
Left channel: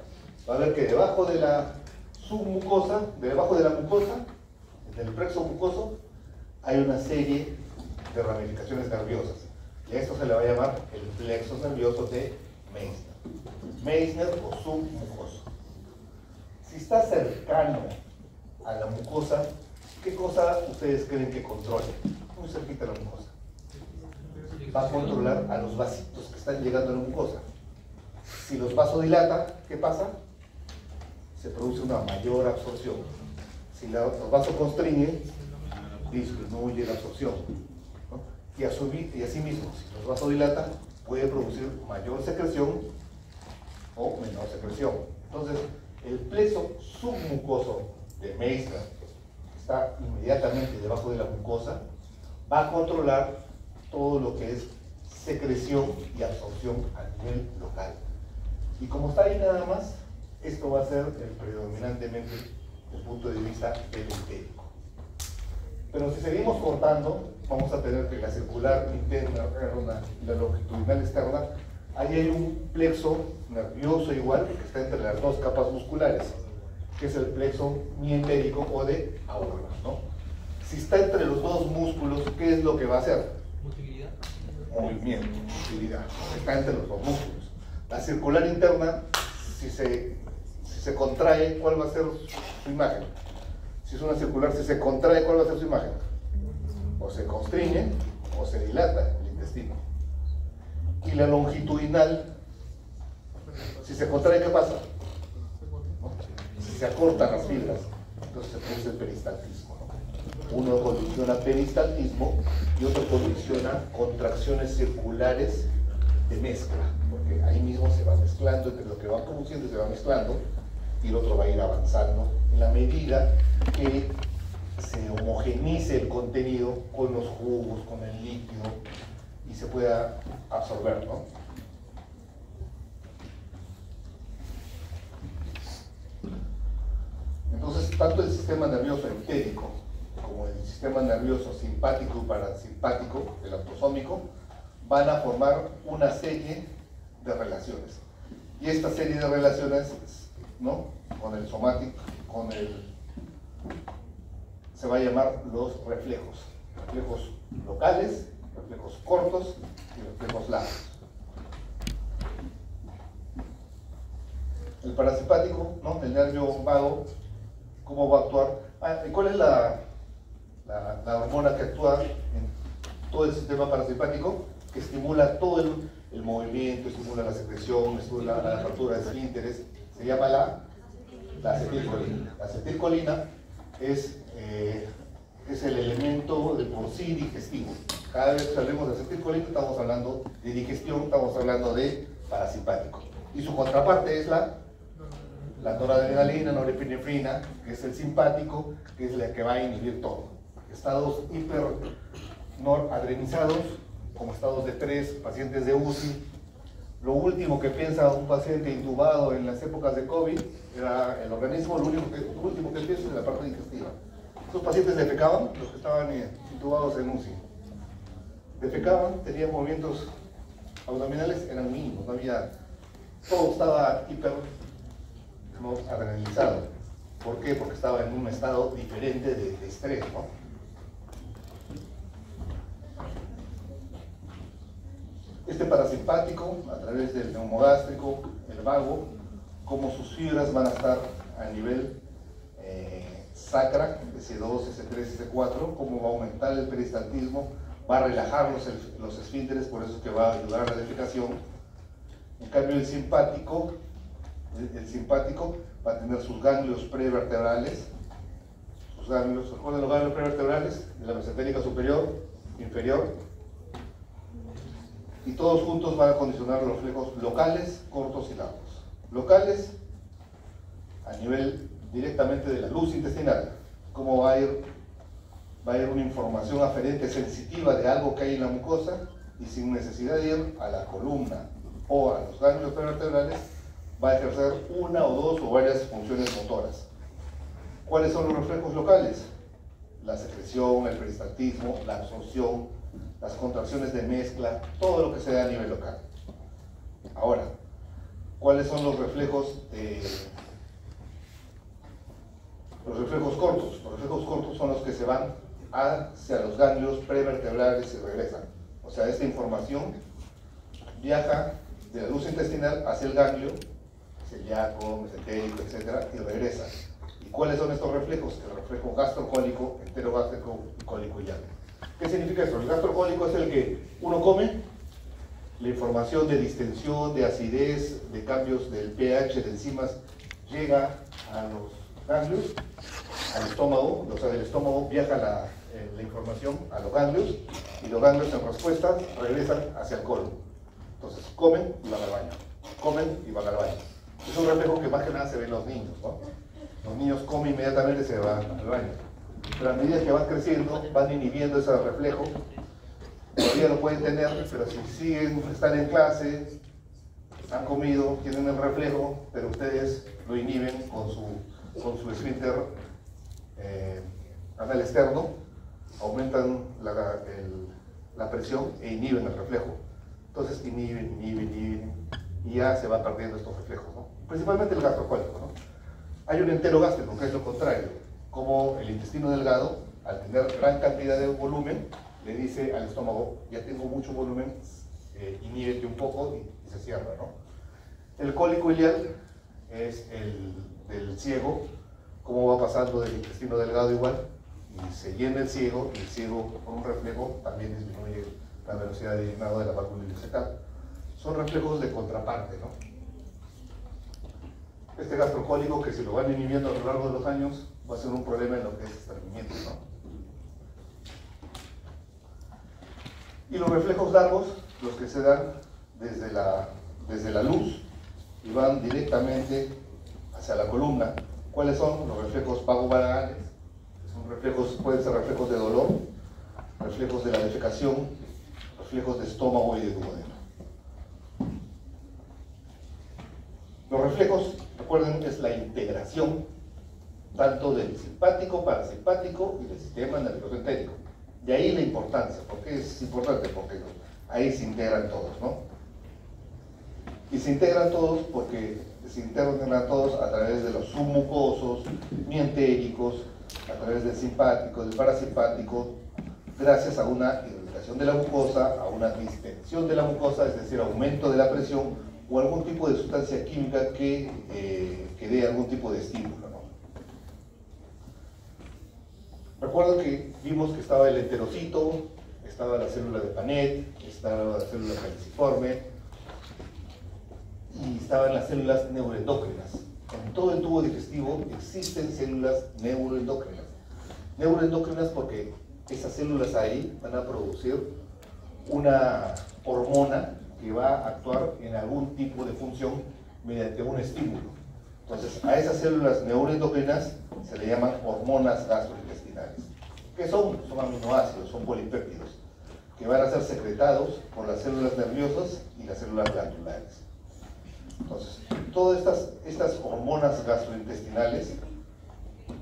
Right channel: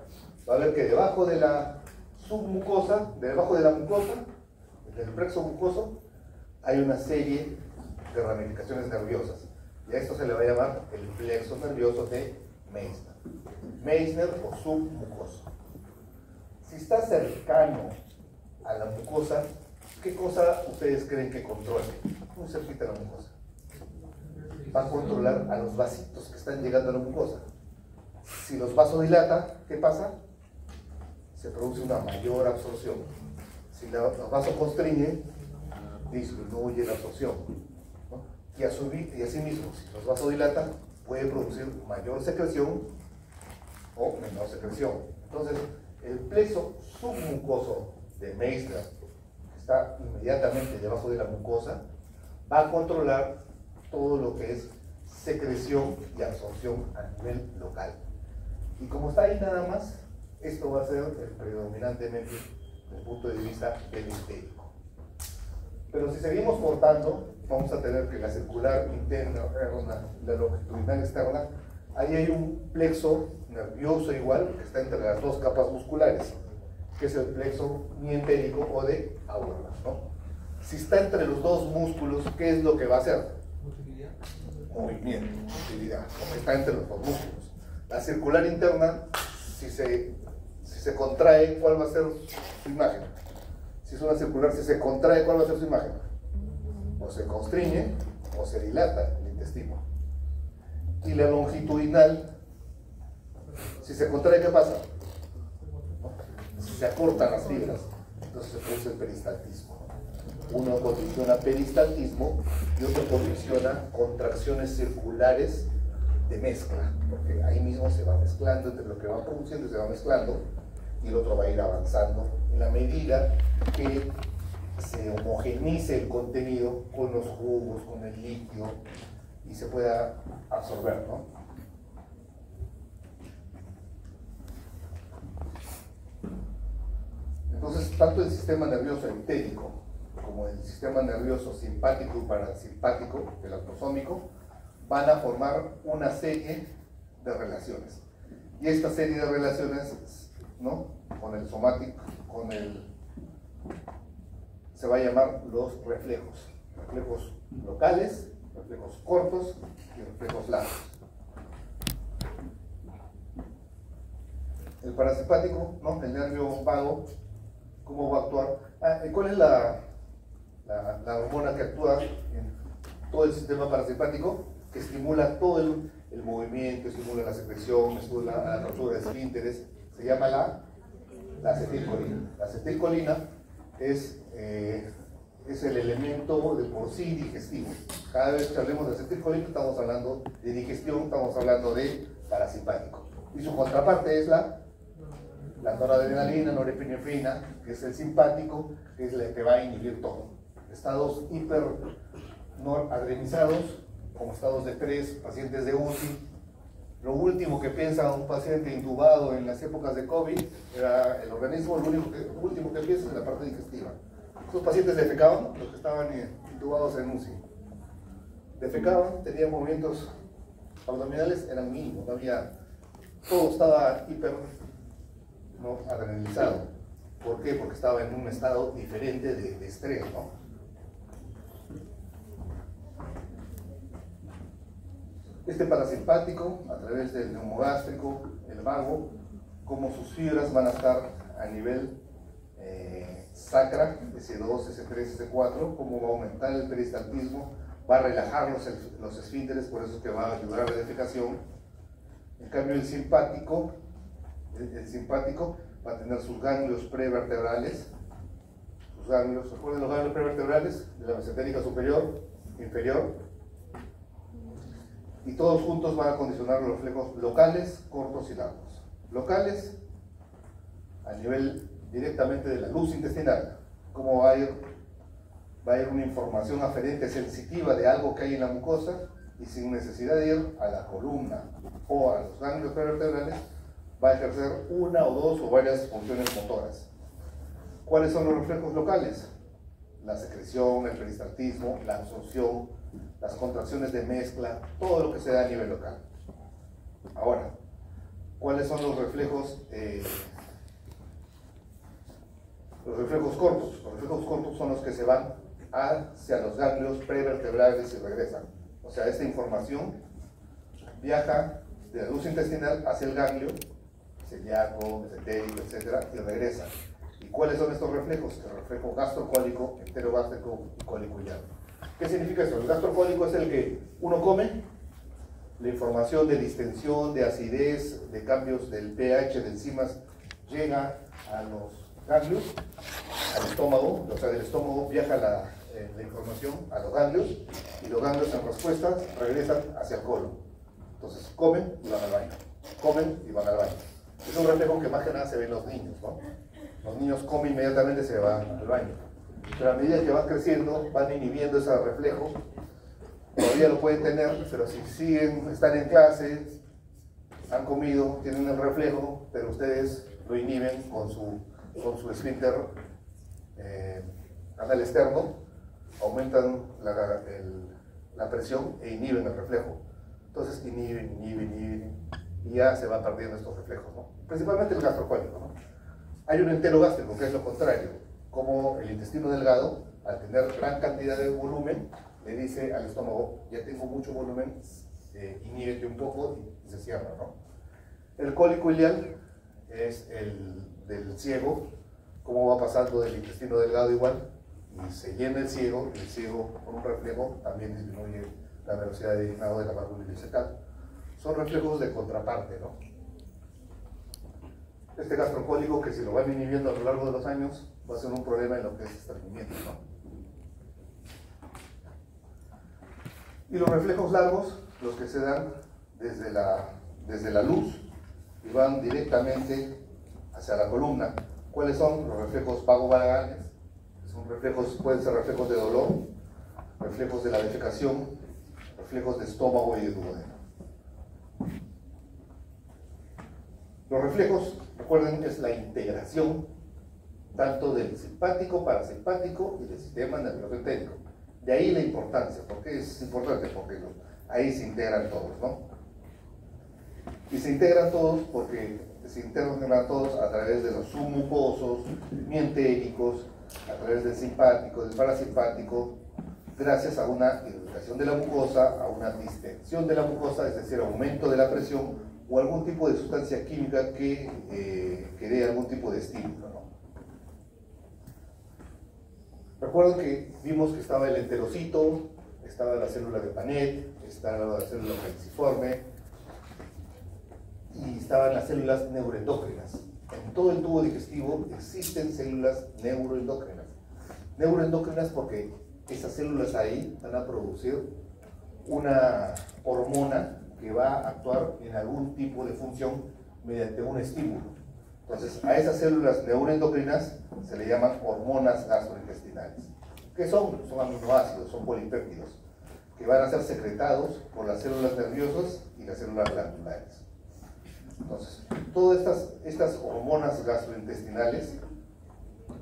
va a ver que debajo de la submucosa, debajo de la mucosa, del plexo mucoso, hay una serie de ramificaciones nerviosas. Y a esto se le va a llamar el plexo nervioso de Meissner. Meissner o submucoso. Si está cercano a la mucosa, ¿qué cosa ustedes creen que controle? Muy cerquita a la mucosa. Va a controlar a los vasitos que están llegando a la mucosa. Si los vasodilata, ¿qué pasa? Se produce una mayor absorción. Si los vasoconstriñe, disminuye la absorción, ¿no? Y así mismo, si los vasodilata, puede producir mayor secreción o menor secreción. Entonces, el plexo submucoso de Meissner, que está inmediatamente debajo de la mucosa, va a controlar todo lo que es secreción y absorción a nivel local. Y como está ahí nada más, esto va a ser predominantemente desde el punto de vista del entérico. Pero si seguimos cortando, vamos a tener que la circular interna, la longitudinal externa, ahí hay un plexo nervioso igual, que está entre las dos capas musculares, que es el plexo mientérico o de Auerbach, ¿no? Si está entre los dos músculos, ¿qué es lo que va a hacer? Motilidad. Movimiento, motilidad, está entre los dos músculos. La circular interna, si se contrae, ¿cuál va a ser su imagen? Si es una circular, si se contrae, ¿cuál va a ser su imagen? O se constriñe o se dilata el intestino. Y la longitudinal, si se contrae, ¿qué pasa? Si se acortan las fibras, entonces se produce el peristaltismo. Uno condiciona peristaltismo y otro condiciona contracciones circulares de mezcla, porque ahí mismo se va mezclando, entre lo que va produciendo se va mezclando y el otro va a ir avanzando en la medida que se homogenice el contenido con los jugos, con el líquido y se pueda absorber, ¿no? Entonces, tanto el sistema nervioso entérico como el sistema nervioso simpático y parasimpático, el autosómico, van a formar una serie de relaciones. Y esta serie de relaciones, ¿no?, con el somático, se va a llamar los reflejos. Reflejos locales, reflejos cortos y reflejos largos. El parasimpático, ¿no?, el nervio vago, ¿cómo va a actuar? ¿Y cuál es la hormona que actúa en todo el sistema parasimpático? Que estimula todo el movimiento, estimula la secreción, estimula la apertura de esfínteres, se llama la acetilcolina. La acetilcolina es el elemento de por sí digestivo. Cada vez que hablemos de acetilcolina estamos hablando de digestión, estamos hablando de parasimpático. Y su contraparte es la noradrenalina, norepinefrina, que es el simpático, que es la que va a inhibir todo. Estados hipernoradrenizados, como estados de estrés, pacientes de UCI. Lo último que piensa un paciente intubado en las épocas de COVID era el organismo, lo último que piensa es la parte digestiva. Esos pacientes defecaban, los que estaban intubados en UCI. Defecaban, tenían movimientos abdominales, eran mínimos, no había, todo estaba hipernoradrenalizado. ¿Por qué? Porque estaba en un estado diferente de estrés, ¿no? Este parasimpático, a través del neumogástrico, el vago, como sus fibras van a estar a nivel sacra, S2, S3, S4, cómo va a aumentar el peristaltismo, va a relajar los esfínteres, por eso que va a ayudar a la defecación. En cambio el simpático va a tener sus ganglios prevertebrales, ¿recuerdan los ganglios prevertebrales? De la mesentérica superior, inferior, y todos juntos van a condicionar los reflejos locales, cortos y largos. Locales, a nivel directamente de la luz intestinal, cómo va a ir una información aferente sensitiva de algo que hay en la mucosa, y sin necesidad de ir a la columna o a los ganglios prevertebrales, va a ejercer una o dos o varias funciones motoras. ¿Cuáles son los reflejos locales? La secreción, el peristaltismo, la absorción, las contracciones de mezcla, todo lo que se da a nivel local. Ahora, ¿cuáles son los reflejos cortos? Los reflejos cortos son los que se van hacia los ganglios prevertebrales y regresan. O sea, esta información viaja de la luz intestinal hacia el ganglio, celíaco, mesentérico, etc., y regresa. ¿Y cuáles son estos reflejos? El reflejo gastrocólico, enterogástrico y cólico-iliar. ¿Qué significa eso? El gastrocólico es el que uno come, la información de distensión, de acidez, de cambios del pH de enzimas llega a los ganglios, al estómago, o sea, del estómago viaja la información a los ganglios, y los ganglios en respuesta regresan hacia el colon. Entonces comen y van al baño, comen y van al baño. Es un reflejo que más que nada se ve en los niños, ¿no? Los niños comen inmediatamente y se van al baño. Pero a medida que van creciendo, van inhibiendo ese reflejo. Todavía lo pueden tener, pero si están en clase, han comido, tienen el reflejo, pero ustedes lo inhiben con su esfínter anal externo, aumentan la presión e inhiben el reflejo. Entonces inhiben, y ya se van perdiendo estos reflejos, ¿no? Principalmente el gastrocólico, ¿no? Hay un enterogástrico, que es lo contrario, como el intestino delgado, al tener gran cantidad de volumen, le dice al estómago, ya tengo mucho volumen, inhíbete un poco, y se cierra, ¿no? El cólico iliar es el del ciego, cómo va pasando del intestino delgado igual, y se llena el ciego, y el ciego con un reflejo también disminuye la velocidad de llenado de la válvula ileocecal. Son reflejos de contraparte, ¿no? Este gastrocólico, que si lo van inhibiendo a lo largo de los años, va a ser un problema en lo que es estreñimiento, ¿no? Y los reflejos largos, los que se dan desde la luz y van directamente hacia la columna. ¿Cuáles son? Los reflejos vagovagalales. Son reflejos, pueden ser reflejos de dolor, reflejos de la defecación, reflejos de estómago y de duodeno. Los reflejos, recuerden, es la integración tanto del simpático, parasimpático y del sistema nervioso entérico. De ahí la importancia. ¿Por qué es importante? Porque ahí se integran todos, ¿no? Y se integran todos porque se integran todos a través de los submucosos, mientéricos, a través del simpático, del parasimpático, gracias a una irritación de la mucosa, a una distensión de la mucosa, es decir, aumento de la presión, o algún tipo de sustancia química que dé algún tipo de estímulo, ¿no? Recuerden que vimos que estaba el enterocito, estaba la célula de Panet, estaba la célula caliciforme, y estaban las células neuroendócrinas. En todo el tubo digestivo existen células neuroendócrinas. Neuroendócrinas porque esas células ahí van a producir una hormona que va a actuar en algún tipo de función mediante un estímulo. Entonces, a esas células neuroendocrinas se le llaman hormonas gastrointestinales. ¿Qué son? Son aminoácidos, son polipéptidos, que van a ser secretados por las células nerviosas y las células glandulares. Entonces, todas estas hormonas gastrointestinales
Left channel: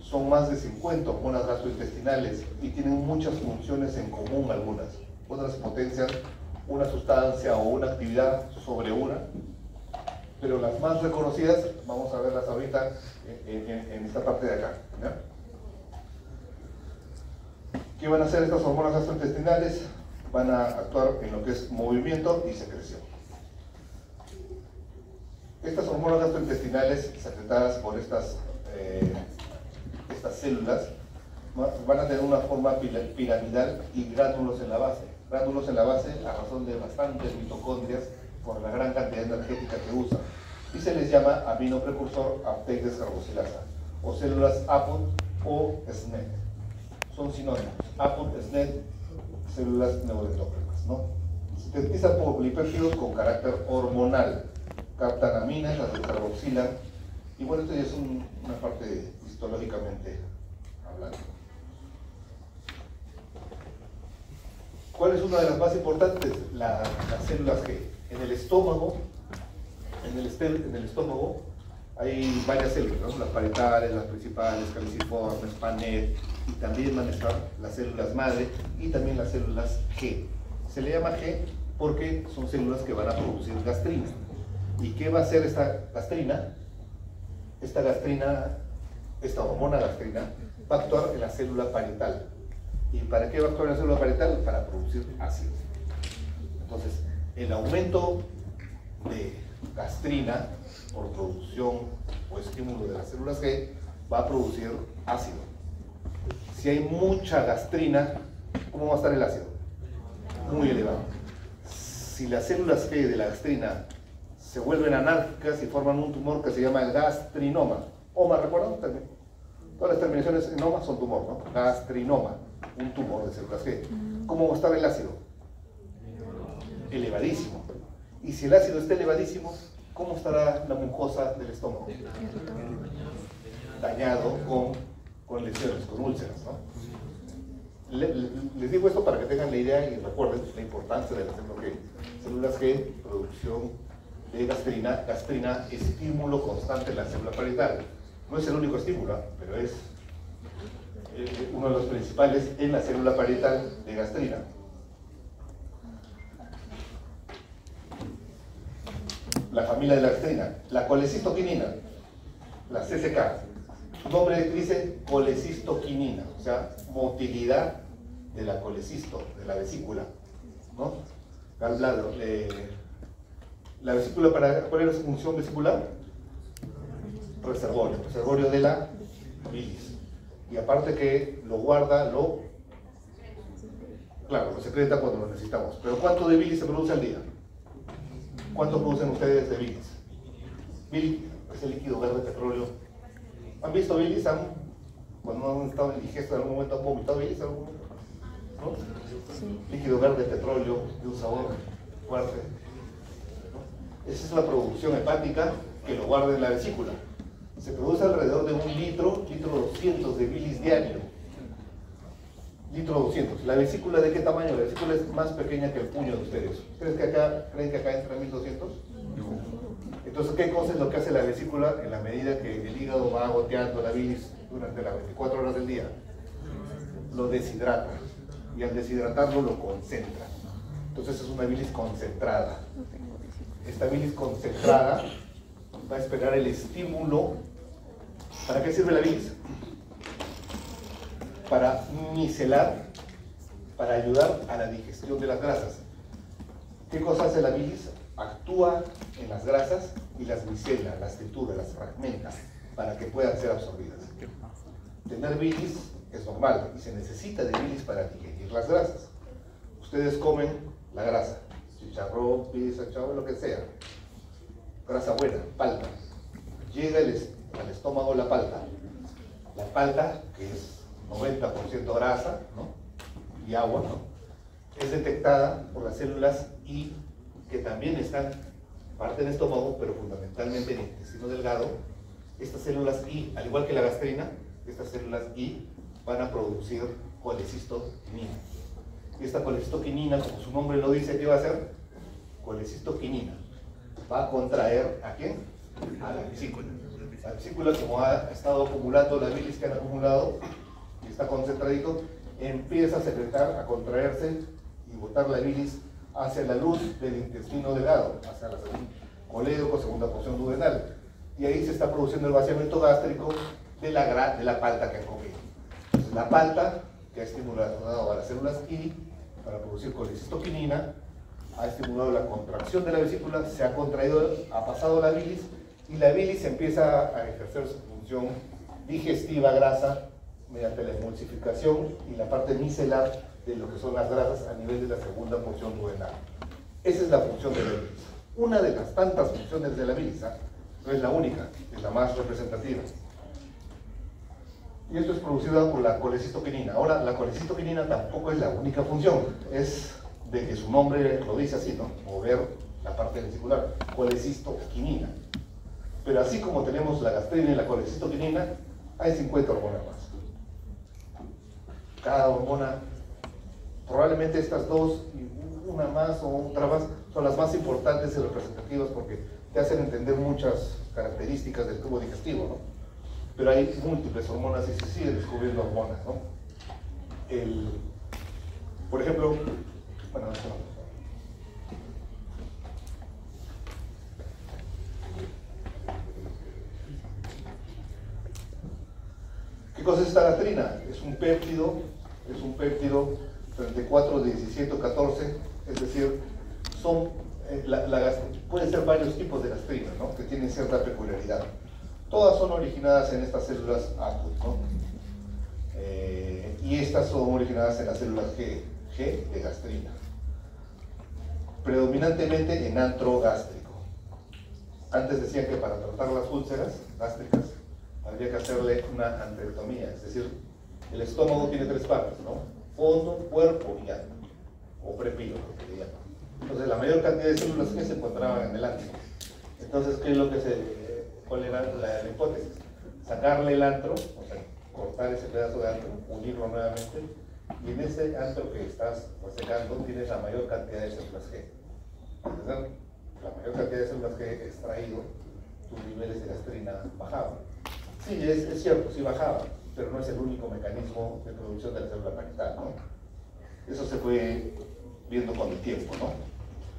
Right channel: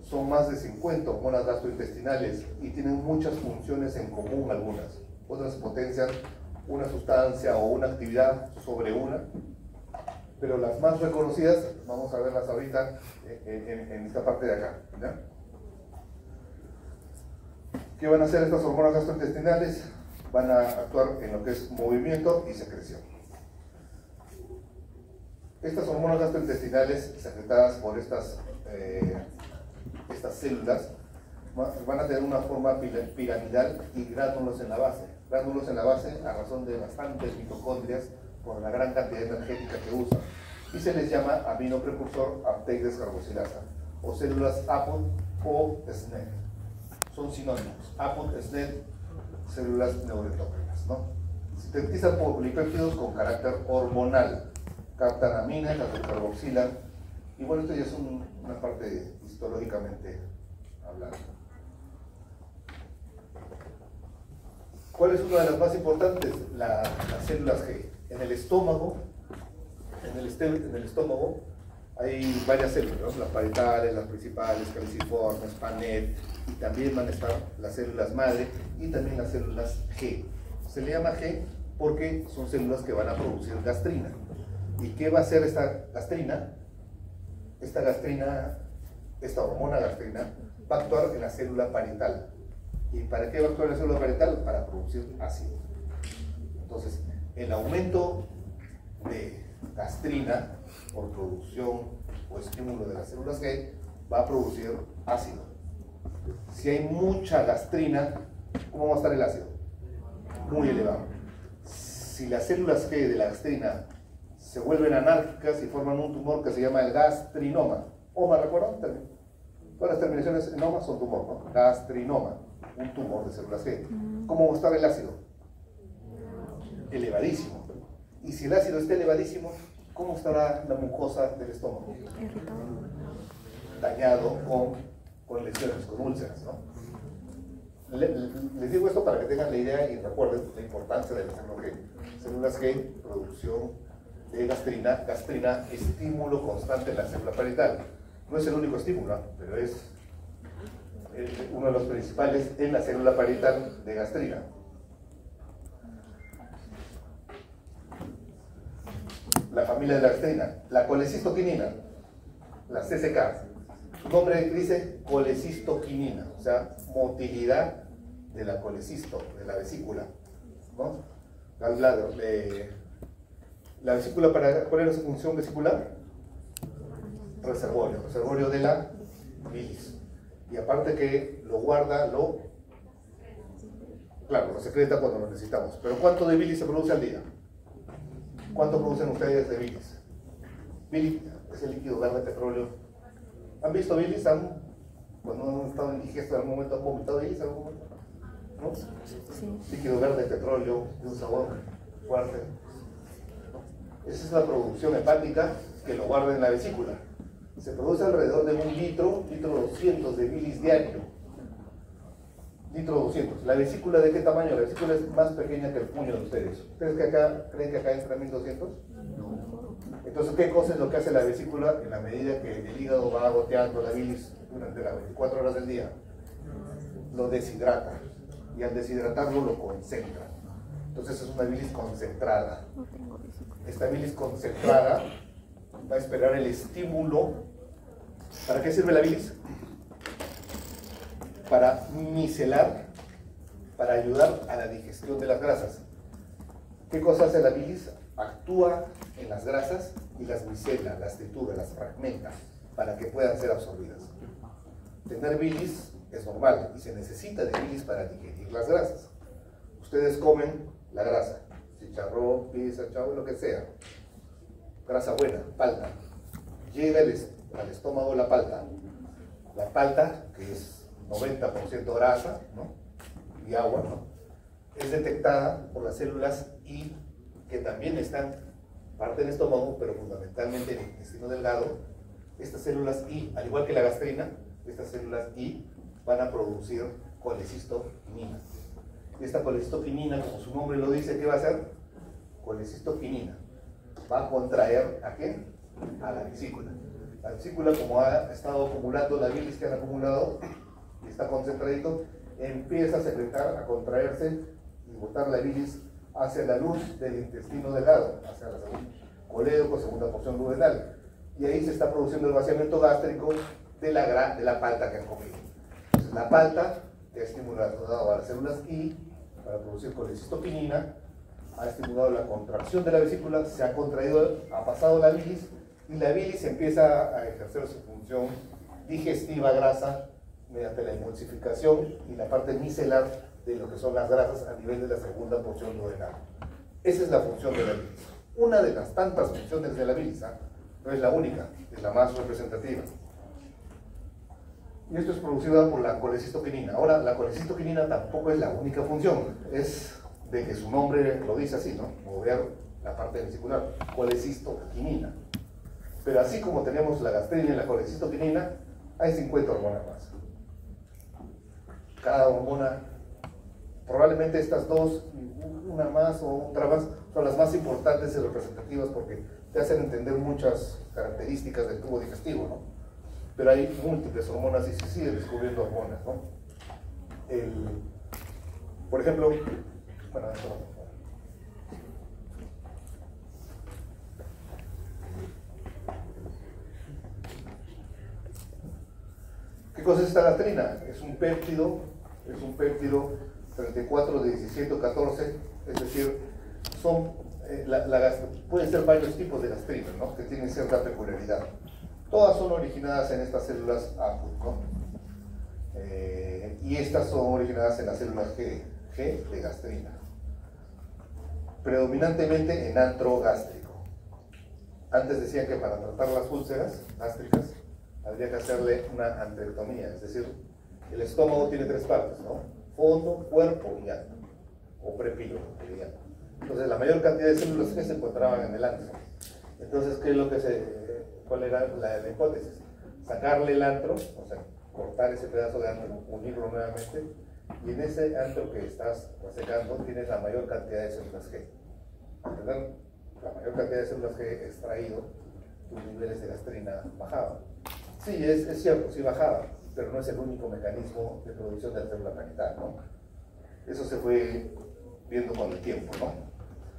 son más de 50 hormonas gastrointestinales y tienen muchas funciones en común algunas. Otras potencian una sustancia o una actividad sobre una, pero las más reconocidas, vamos a verlas ahorita en esta parte de acá, ¿ya? ¿Qué van a hacer estas hormonas gastrointestinales? Van a actuar en lo que es movimiento y secreción. Estas hormonas gastrointestinales, secretadas por estas células, van a tener una forma piramidal y gránulos en la base. Gránulos en la base a razón de bastantes mitocondrias por la gran cantidad energética que usan. Y se les llama aminoprecursor uptake descarboxilasa, o células APOT o SNET. Son sinónimos. APOT, SNET, células neuroendócrinas, ¿no? Se sintetizan por polipéptidos con carácter hormonal. Captan aminas, las descarboxilan. Y bueno, esto ya es una parte histológicamente hablando. ¿Cuál es una de las más importantes? Las células G. En el estómago, hay varias células, ¿no? Las parietales, las principales, caliciformes, PANET, y también van a estar las células madre y también las células G. Se le llama G porque son células que van a producir gastrina. ¿Y qué va a hacer esta gastrina? Esta hormona gastrina va a actuar en la célula parietal. ¿Y para qué va a actuar en la célula parietal? Para producir ácido. Entonces, el aumento de gastrina por producción o estímulo de las células G va a producir ácido. Si hay mucha gastrina, ¿cómo va a estar el ácido? Muy elevado. Si las células G de la gastrina se vuelven anárquicas y forman un tumor que se llama el gastrinoma. OMA, ¿recuerdan? Todas las terminaciones en OMA son tumor, ¿no? Gastrinoma, un tumor de células G. ¿Cómo va a estar el ácido? Elevadísimo. Y si el ácido está elevadísimo, ¿cómo estará la mucosa del estómago? Dañado con lesiones, con úlceras, ¿no? Les digo esto para que tengan la idea y recuerden la importancia de las células G. Células G, producción de gastrina, estímulo constante en la célula parietal. No es el único estímulo, pero es uno de los principales en la célula parietal de gastrina. La familia de la gastrina, la colecistoquinina, la CCK. Su nombre dice colecistoquinina, o sea, motilidad de la colecisto, de la vesícula, ¿no? La vesícula, ¿cuál es su función vesicular? Reservorio de la bilis. Y aparte que lo guarda, claro, lo secreta cuando lo necesitamos. Pero ¿cuánto de bilis se produce al día? ¿Cuánto producen ustedes de bilis? Bilis es el líquido verde petróleo. ¿Han visto bilis? Cuando han estado en digesto en algún momento, ¿han vomitado bilis en algún momento? ¿No? Sí. Líquido verde petróleo, de un sabor fuerte. Esa es la producción hepática que lo guarda en la vesícula. Se produce alrededor de 1 litro 200 de bilis diario. Litro 200. ¿La vesícula de qué tamaño? La vesícula es más pequeña que el puño de ustedes. ¿Ustedes creen que acá entra 1200? Entonces, ¿qué cosa es lo que hace la vesícula en la medida que el hígado va goteando la bilis durante las 24 horas del día? Lo deshidrata. Y al deshidratarlo lo concentra. Entonces es una bilis concentrada. Esta bilis concentrada va a esperar el estímulo. ¿Para qué sirve la bilis? Para micelar, para ayudar a la digestión de las grasas. ¿Qué cosa hace la bilis? Actúa en las grasas y las micela, las tritura, las fragmenta para que puedan ser absorbidas. Tener bilis es normal y se necesita de bilis para digerir las grasas. Ustedes comen la grasa, chicharrón, pizza, chavo, lo que sea. grasa buena, palta. Llega al estómago la palta. La palta, que es 90% grasa, ¿no?, y agua, ¿no?, es detectada por las células I, que también están parte del estómago, pero fundamentalmente en el intestino delgado. Estas células I, al igual que la gastrina, estas células I van a producir colecistoquinina. Y esta colecistoquinina, como su nombre lo dice, ¿qué va a hacer? Colecistoquinina. Va a contraer ¿a quién? A la vesícula. La vesícula, como ha estado acumulando la bilis que han acumulado y está concentradito, empieza a secretar, a contraerse y botar la bilis hacia la luz del intestino delgado, hacia la colédoco, segunda porción duodenal. Y ahí se está produciendo el vaciamiento gástrico de la palta que han comido. Entonces, la palta, que ha estimulado a las células I para producir colecistoquinina, ha estimulado la contracción de la vesícula, se ha contraído, ha pasado la bilis, y la bilis empieza a ejercer su función digestiva grasa mediante la emulsificación y la parte micelar de lo que son las grasas a nivel de la segunda porción duodenal. Esa es la función de la bilis. Una de las tantas funciones de la bilis, no es la única, es la más representativa. Y esto es producido por la colecistoquinina. Ahora, la colecistoquinina tampoco es la única función, es de que su nombre lo dice así, ¿no?, mover la parte vesicular, colecistoquinina. Pero así como tenemos la gastrina y la colecistoquinina, hay 50 hormonas más. Cada hormona, probablemente estas dos y una más o otra más, son las más importantes y representativas porque te hacen entender muchas características del tubo digestivo, ¿no? Pero hay múltiples hormonas y se sigue descubriendo hormonas, ¿no? Por ejemplo, bueno, ¿qué cosa es esta gastrina? Es un péptido 34, 17, 14, es decir, pueden ser varios tipos de gastrina, ¿no?, que tienen cierta peculiaridad. Todas son originadas en estas células ACUT, ¿no? Y estas son originadas en las células G de gastrina, predominantemente en antro gástrico. Antes decían que para tratar las úlceras gástricas habría que hacerle una anterotomía, es decir, el estómago tiene tres partes, ¿no?, fondo, cuerpo y ano, o prepilo, que le llaman. Entonces la mayor cantidad de células que se encontraban en el antro. Entonces, ¿qué es lo que cuál era la hipótesis? Sacarle el antro, o sea, cortar ese pedazo de antro, unirlo nuevamente, y en ese antro que estás sacando tienes la mayor cantidad de células G. ¿Verdad? La mayor cantidad de células G extraído, tus niveles de gastrina bajaban. Sí, es cierto, sí bajaba, pero no es el único mecanismo de producción de la célula genital, ¿no? Eso se fue viendo con el tiempo, ¿no?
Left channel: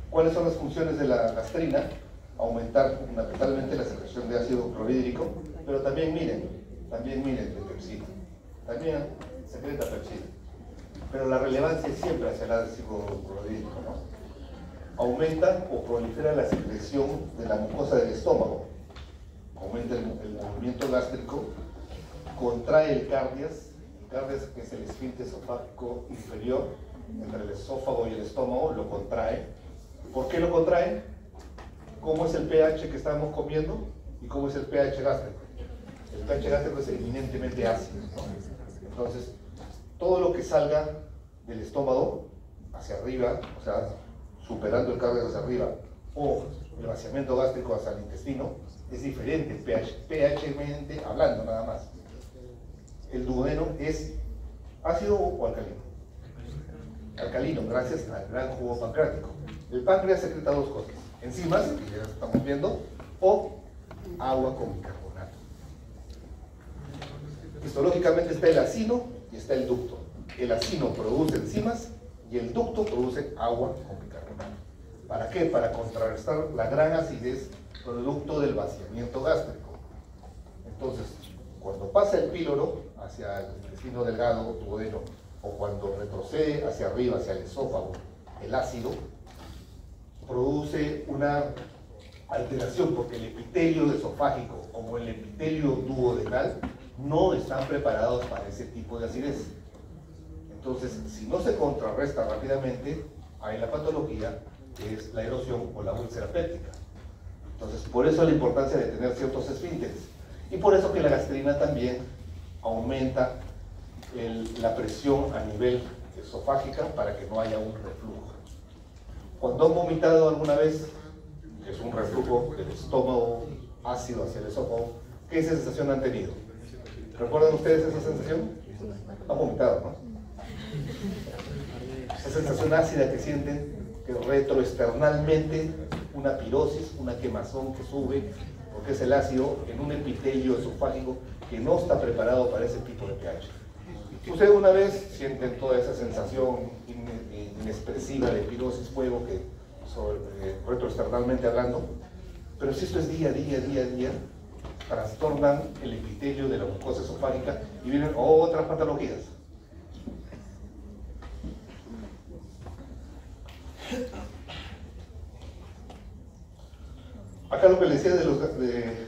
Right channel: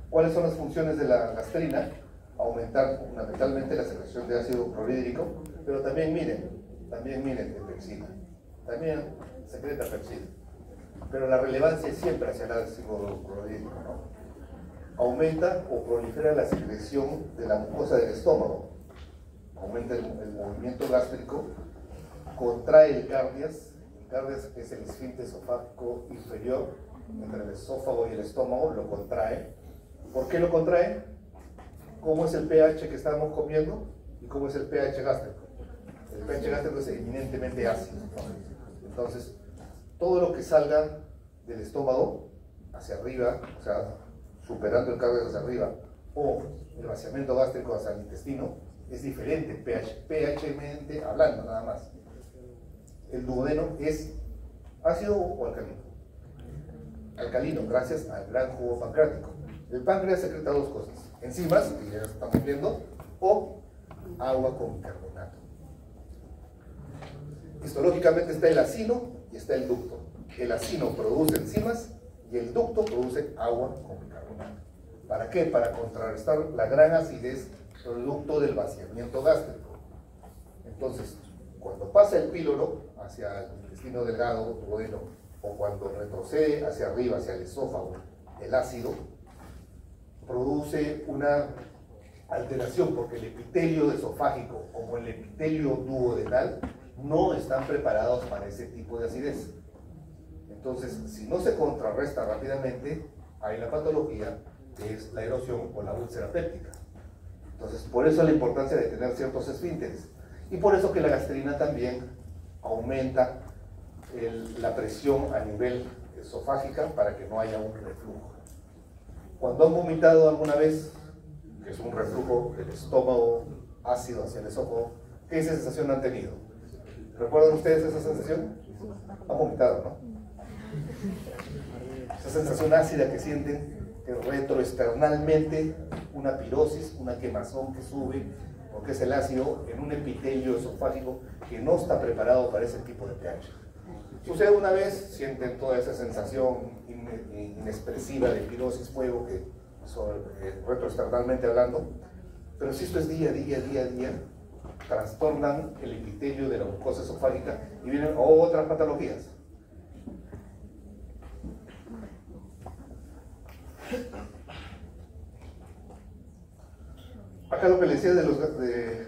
¿Cuáles son las funciones de la gastrina? Aumentar fundamentalmente la secreción de ácido clorhídrico, pero también miren de pepsina, también secreta pepsina, pero la relevancia es siempre hacia el ácido clorhídrico, ¿no? Aumenta o prolifera la secreción de la mucosa del estómago, aumenta el movimiento gástrico, contrae el cardias que es el esfínter esofágico inferior entre el esófago y el estómago, lo contrae. ¿Por qué lo contrae? ¿Cómo es el pH que estamos comiendo y cómo es el pH gástrico? El pH gástrico es eminentemente ácido, ¿no? Entonces, todo lo que salga del estómago hacia arriba, o sea, superando el cardio hacia arriba, o el vaciamiento gástrico hacia el intestino, es diferente, pH-mente hablando nada más. El duodeno es ácido o alcalino. Alcalino, gracias al gran jugo pancreático. El páncreas secreta dos cosas: enzimas, que ya estamos viendo, o agua con bicarbonato. Histológicamente está el acino y está el ducto. El acino produce enzimas y el ducto produce agua con bicarbonato. ¿Para qué? Para contrarrestar la gran acidez producto del vaciamiento gástrico. Entonces, cuando pasa el píloro hacia el intestino delgado o duodeno, o cuando retrocede hacia arriba, hacia el esófago, el ácido produce una alteración, porque el epitelio esofágico como el epitelio duodenal no están preparados para ese tipo de acidez. Entonces, si no se contrarresta rápidamente, hay la patología que es la erosión o la úlcera péptica. Entonces, por eso la importancia de tener ciertos esfínteres. Y por eso que la gastrina también aumenta la presión a nivel esofágica para que no haya un reflujo. Cuando han vomitado alguna vez, que es un reflujo del estómago ácido hacia el esófago, ¿qué sensación han tenido? ¿Recuerdan ustedes esa sensación? Han vomitado, ¿no? Esa sensación ácida que sienten retroesternalmente, una pirosis, una quemazón que sube, porque es el ácido en un epitelio esofágico que no está preparado para ese tipo de pH. Si ustedes una vez sienten toda esa sensación inexpresiva de pirosis, fuego, retroesternalmente hablando, pero si esto es día a día, trastornan el epitelio de la mucosa esofágica y vienen otras patologías. Acá lo que les decía de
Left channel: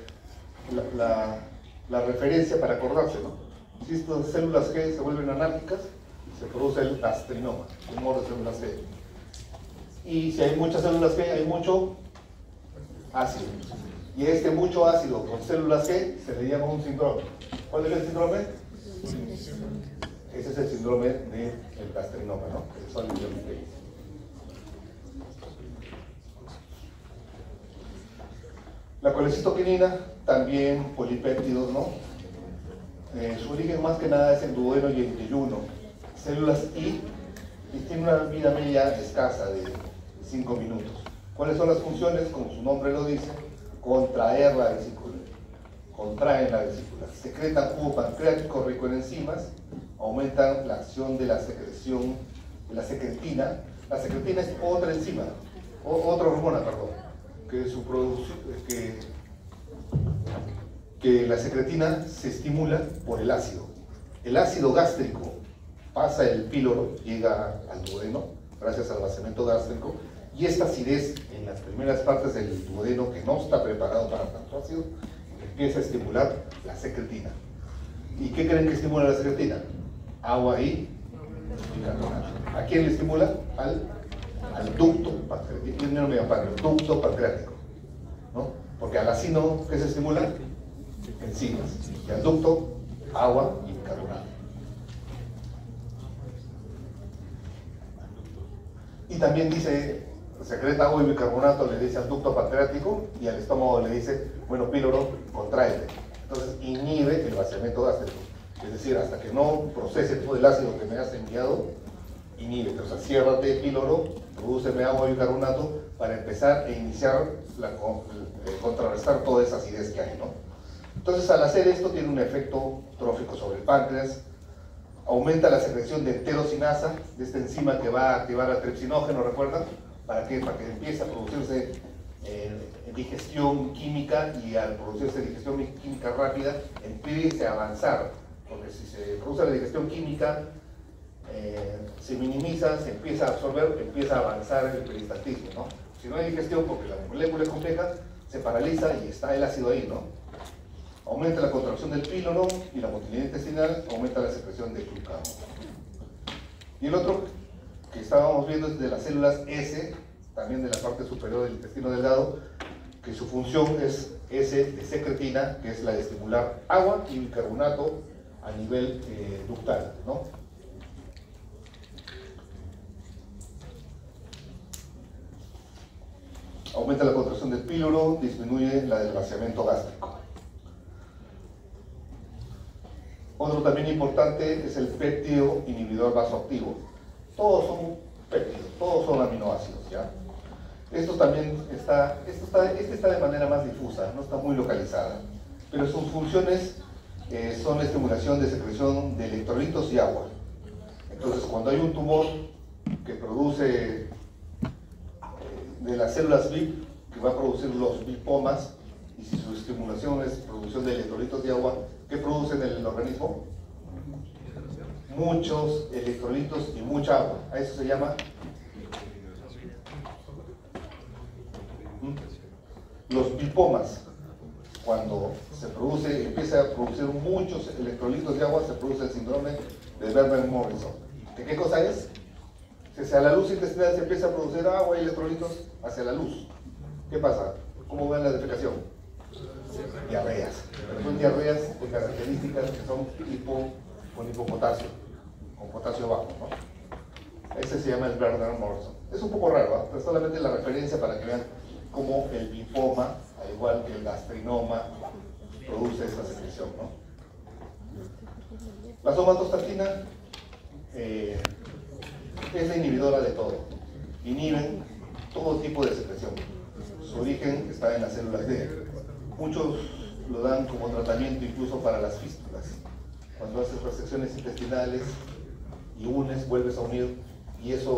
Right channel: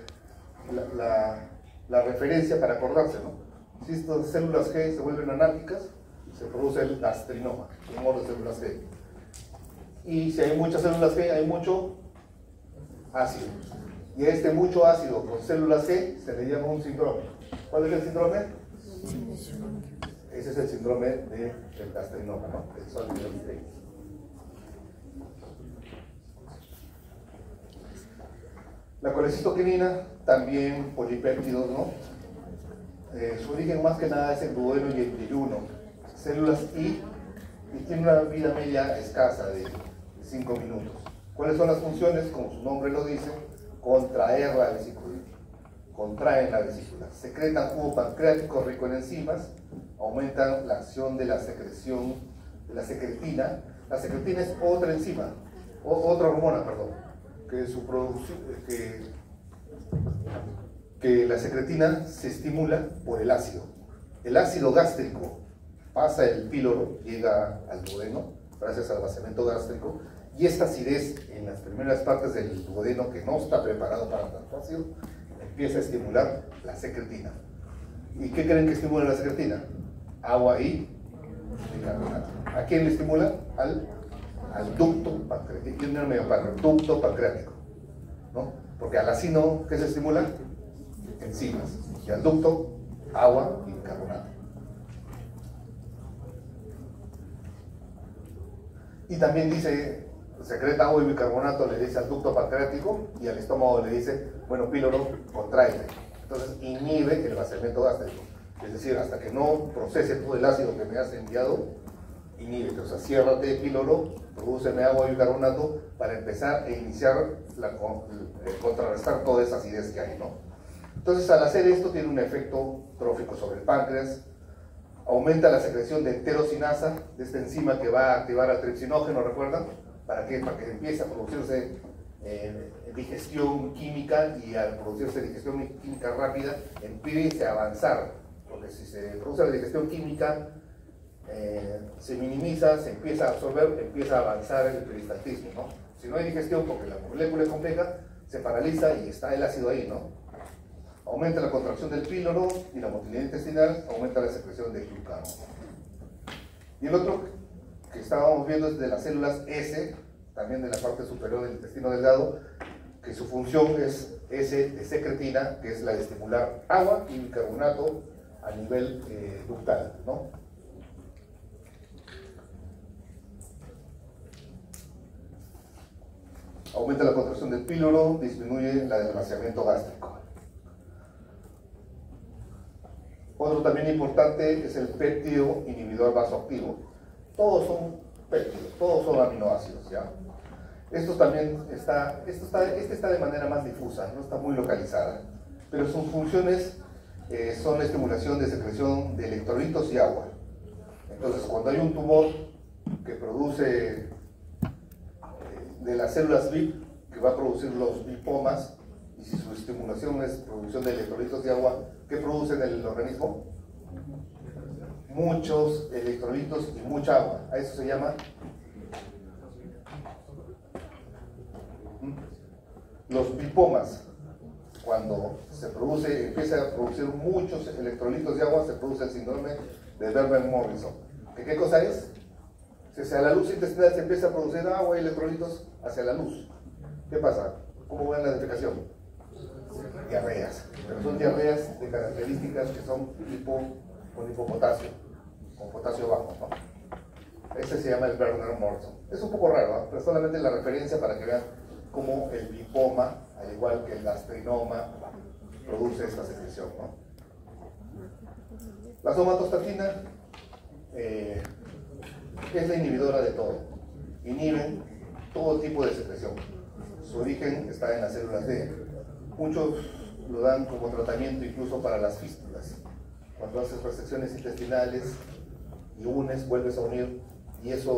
la referencia para acordarse, ¿no? Si estas células G se vuelven anárquicas, se produce el gastrinoma, tumor de células G. Y si hay muchas células G, hay mucho ácido. Y a este mucho ácido con células G se le llama un síndrome. ¿Cuál es el síndrome? Ese es el síndrome del gastrinoma, ¿no? El sólido epitelio. La colecitoquinina, también polipéptidos, ¿no? Su origen más que nada es el duodeno y el yeyuno, células I, y tiene una vida media escasa de 5 minutos. ¿Cuáles son las funciones? Como su nombre lo dice, contraer la vesícula, contraen la vesícula, secretan jugo pancreático rico en enzimas, aumentan la acción de la secreción de la secretina. La secretina es otra enzima, otra hormona, perdón, que la secretina se estimula por el ácido. El ácido gástrico pasa el píloro, llega al duodeno, gracias al vaciamiento gástrico, y esta acidez en las primeras partes del duodeno, que no está preparado para tanto ácido, empieza a estimular la secretina. ¿Y qué creen que estimula la secretina? Agua y bicarbonato. ¿A quién le estimula? Al ducto pancreático, ducto pancreático, ¿no? Porque al acino, ¿qué se estimula? Enzimas. Y al ducto, agua y bicarbonato. Y también dice, secreta agua y bicarbonato, le dice al ducto pancreático, y al estómago le dice, bueno, píloro, contrae. Entonces inhibe el vaciamiento gástrico. Es decir, hasta que no procese todo el ácido que me has enviado, inhibe. O sea, ciérrate píloro, prodúceme agua y bicarbonato para empezar a iniciar contrarrestar toda esa acidez que hay, ¿no? Entonces, al hacer esto, tiene un efecto trófico sobre el páncreas, aumenta la secreción de enterocinasa, de esta enzima que va a activar al tripsinógeno, ¿recuerdan? ¿Para qué? Para que empiece a producirse digestión química, y al producirse digestión química rápida, empiece a avanzar, porque si se produce la digestión química, se minimiza, se empieza a absorber, empieza a avanzar el peristaltismo, ¿no? Si no hay digestión, porque la molécula es compleja, se paraliza y está el ácido ahí, ¿no? Aumenta la contracción del píloro y la motilidad intestinal, aumenta la secreción de glucano. Y el otro que estábamos viendo es de las células S, también de la parte superior del intestino delgado, que su función es S de secretina, que es la de estimular agua y bicarbonato a nivel ductal, ¿no? Aumenta la contracción del píloro, disminuye la del vaciamiento gástrico. Otro también importante es el péptido inhibidor vasoactivo. Todos son péptidos, todos son aminoácidos, ¿ya? Esto también está de manera más difusa, no está muy localizada, pero sus funciones son la estimulación de secreción de electrolitos y agua. Entonces, cuando hay un tumor que produce de las células VIP, que va a producir los bipomas, y si su estimulación es producción de electrolitos y agua, ¿qué produce en el organismo? Muchos electrolitos y mucha agua. A eso se llama los bipomas. Cuando se produce, empieza a producir muchos electrolitos y agua, se produce el síndrome de Werner-Morrison. ¿Qué cosa es? Si hacia la luz intestinal se empieza a producir agua y electrolitos hacia la luz, ¿qué pasa? ¿Cómo ven la defecación? Diarreas. Pero son diarreas de características que son con hipopotasio, con potasio bajo, ¿no? Ese se llama el Gardner-Morrison. Es un poco raro, ¿no? Pero solamente la referencia para que vean cómo el linfoma, al igual que el gastrinoma, produce esta secreción, ¿no? La somatostatina es la inhibidora de todo. Inhiben todo tipo de secreción. Su origen está en las células D. Muchos lo dan como tratamiento incluso para las fístulas. Cuando haces resecciones intestinales y unes, vuelves a unir, y esa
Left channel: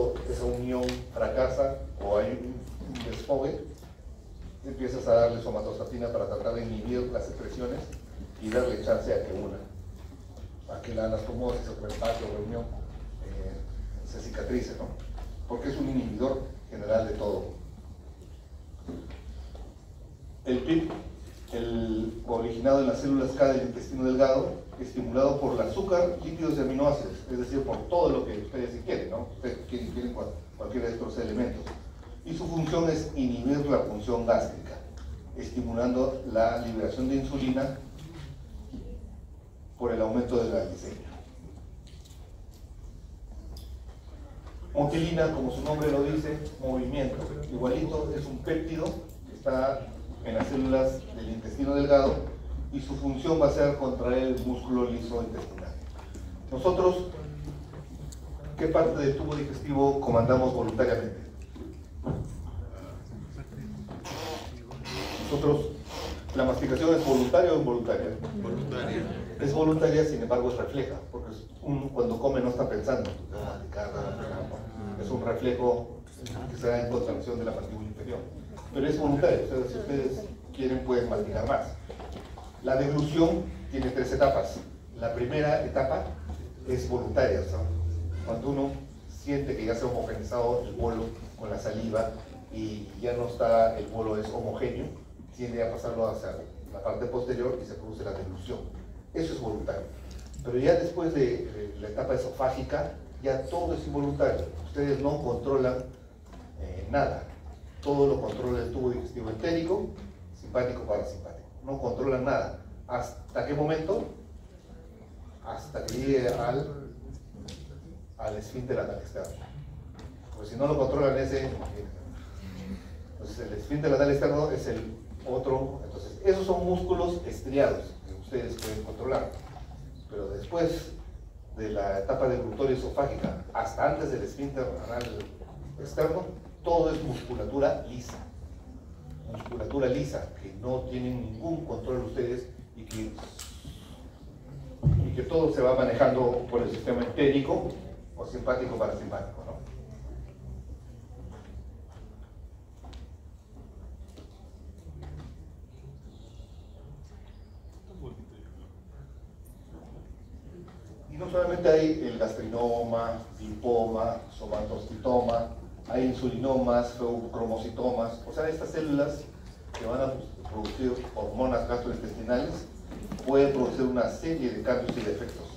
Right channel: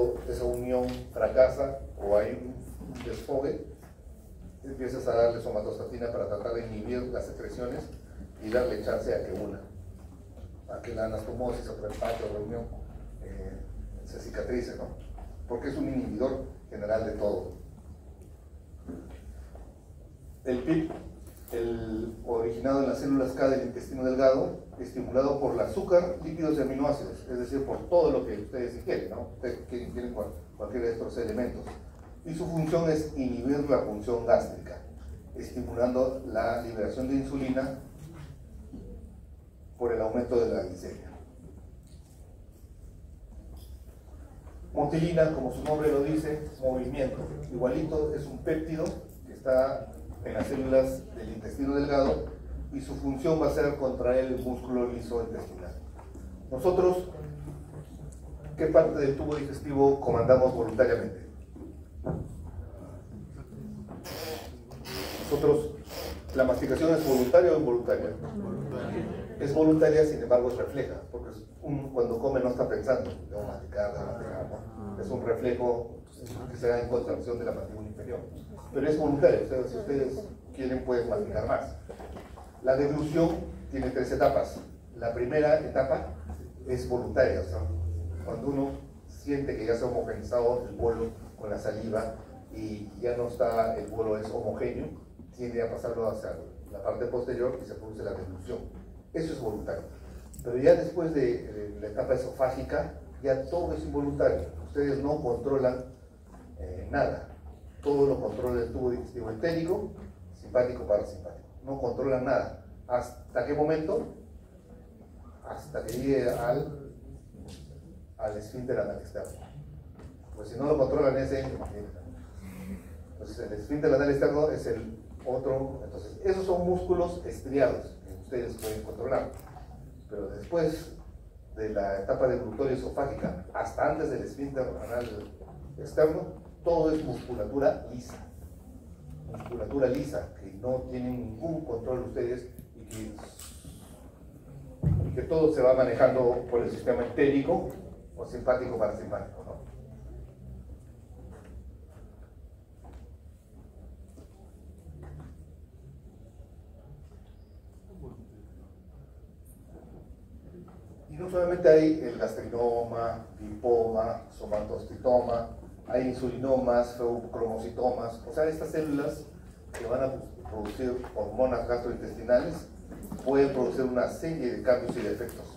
unión fracasa o hay un desfogue, empiezas a darle somatostatina para tratar de inhibir las secreciones y darle chance a que una, a que la anastomosis o el empate o la unión se cicatrice, ¿no? Porque es un inhibidor general de todo. El PIP, originado en las células K del intestino delgado, estimulado por el azúcar, lípidos y aminoácidos, es decir, por todo lo que ustedes quieren, ¿no? Ustedes quieren cualquiera de estos elementos. Y su función es inhibir la función gástrica, estimulando la liberación de insulina por el aumento de la glicemia. Motilina, como su nombre lo dice, movimiento. Igualito, es un péptido que está en las células del intestino delgado y su función va a ser contraer el músculo liso intestinal. Nosotros, ¿qué parte del tubo digestivo comandamos voluntariamente? Nosotros, ¿la masticación es voluntaria o involuntaria? Voluntaria. Es voluntaria, sin embargo es refleja, porque cuando come no está pensando, debo masticar, ¿no? Es un reflejo que se da en contracción de la mandíbula inferior. Pero es voluntario, o sea, si ustedes quieren pueden masticar más. La deglución tiene 3 etapas. La primera etapa es voluntaria, o sea, cuando uno siente que ya se ha homogenizado el bolo con la saliva y ya no está, el bolo es homogéneo, tiende a pasarlo hacia la parte posterior y se produce la deglución. Eso es voluntario. Pero ya después de la etapa esofágica, ya todo es involuntario. Ustedes no controlan nada. Todo lo controla el tubo digestivo entérico, simpático, parasimpático. No controlan nada. ¿Hasta qué momento? Hasta que llegue al esfínter anal externo. Pues si no lo controlan ese, entonces el esfínter anal externo es el otro. Entonces esos son músculos estriados que ustedes pueden controlar. Pero después de la etapa deglutoria esofágica hasta antes del esfínter anal externo, todo es musculatura lisa. Musculatura lisa, que no tienen ningún control ustedes y que todo se va manejando por el sistema entérico o simpático parasimpático, ¿no? Y no solamente hay el gastrinoma, linfoma, somatostitoma, hay insulinomas, cromocitomas, o sea, estas células que van a producir hormonas gastrointestinales pueden producir una serie de cambios y defectos.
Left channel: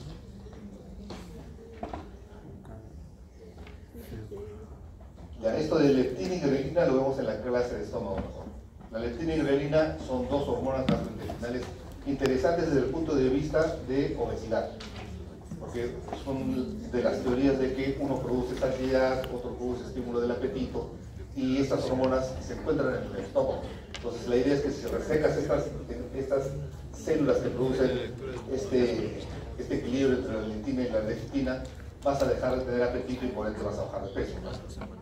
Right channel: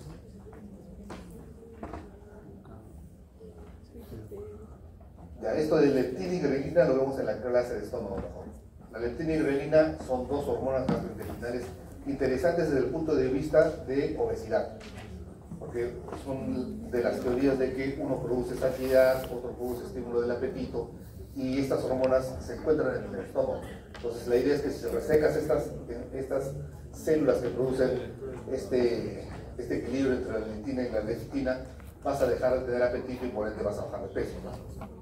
Ya, esto de leptina y grelina lo vemos en la clase de estómago mejor. La leptina y grelina son 2 hormonas gastrointestinales interesantes desde el punto de vista de obesidad, porque son de las teorías de que uno produce saciedad, otro produce estímulo del apetito, y estas hormonas se encuentran en el estómago. Entonces la idea es que si resecas estas células que producen este equilibrio entre la leptina y la leptina, vas a dejar de tener apetito y por ende vas a bajar de peso, ¿no?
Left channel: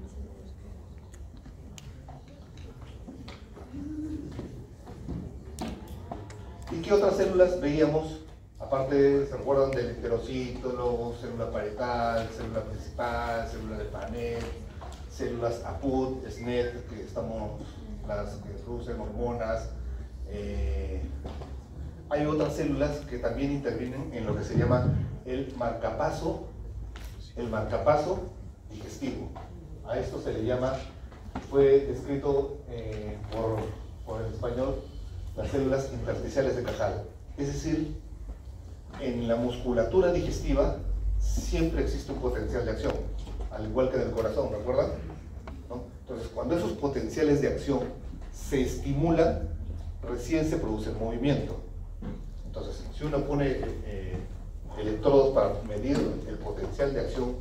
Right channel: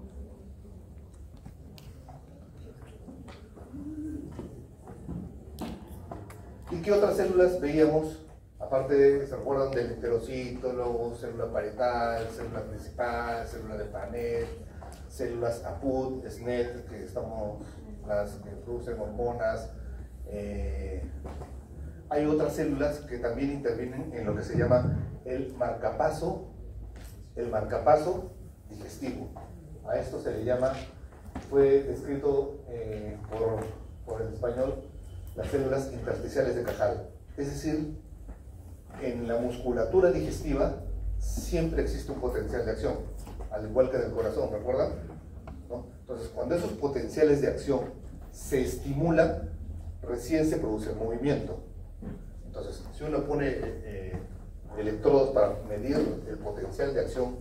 ¿Y qué otras células veíamos? Aparte de, ¿se recuerdan del enterocítolo, célula parietal, célula principal, célula de Panet, células APUT, SNET, las que producen hormonas? Hay otras células que también intervienen en lo que se llama el marcapaso digestivo. A esto se le llama, fue descrito por el español, las células intersticiales de Cajal. Es decir, en la musculatura digestiva siempre existe un potencial de acción, al igual que en el corazón, ¿recuerdan? ¿No? Entonces, cuando esos potenciales de acción se estimulan, recién se produce el movimiento. Entonces, si uno pone electrodos para medir el potencial de acción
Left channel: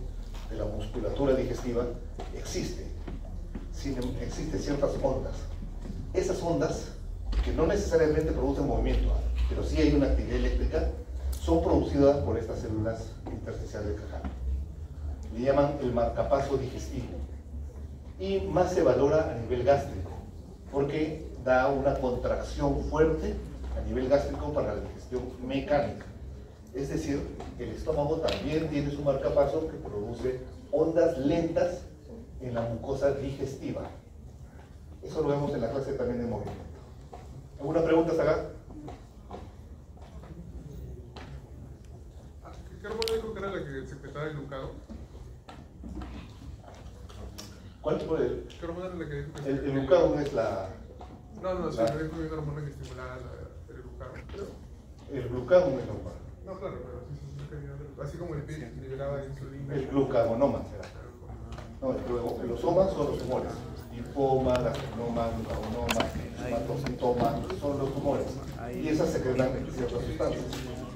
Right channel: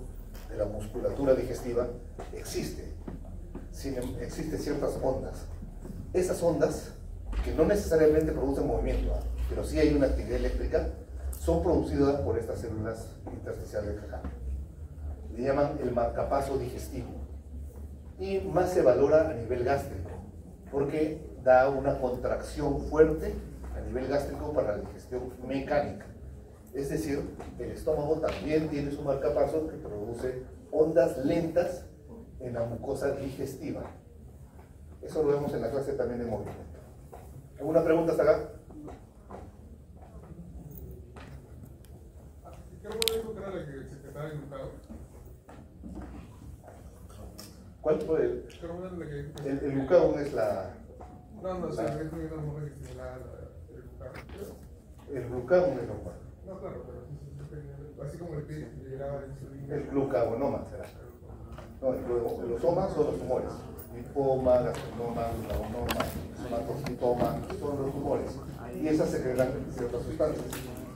de la musculatura digestiva, existen ciertas ondas. Esas ondas, que no necesariamente producen movimiento, pero sí hay una actividad eléctrica, son producidas por estas células intersticiales de Cajal. Le llaman el marcapaso digestivo. Y más se valora a nivel gástrico, porque da una contracción fuerte a nivel gástrico para la digestión mecánica. Es decir, el estómago también tiene su marcapaso que produce ondas lentas en la mucosa digestiva. Eso lo vemos en la clase también de movimiento. ¿Alguna pregunta hasta acá? ¿Qué hormona dijo que era la que secretaba el glucado? ¿Cuál fue? ¿Qué hormona es la que dijo que El glucado es la... No, sí, me dijo que una hormona que estimulaba el glucado. El glucado es normal. No, claro, pero sí, así como el PIB liberaba insulina. El glucagonoma será. No, los somas son los tumores. Lipoma, gastrinoma, glucagonoma, hematocitoma, son los tumores. Y esas secretan ciertas sustancias.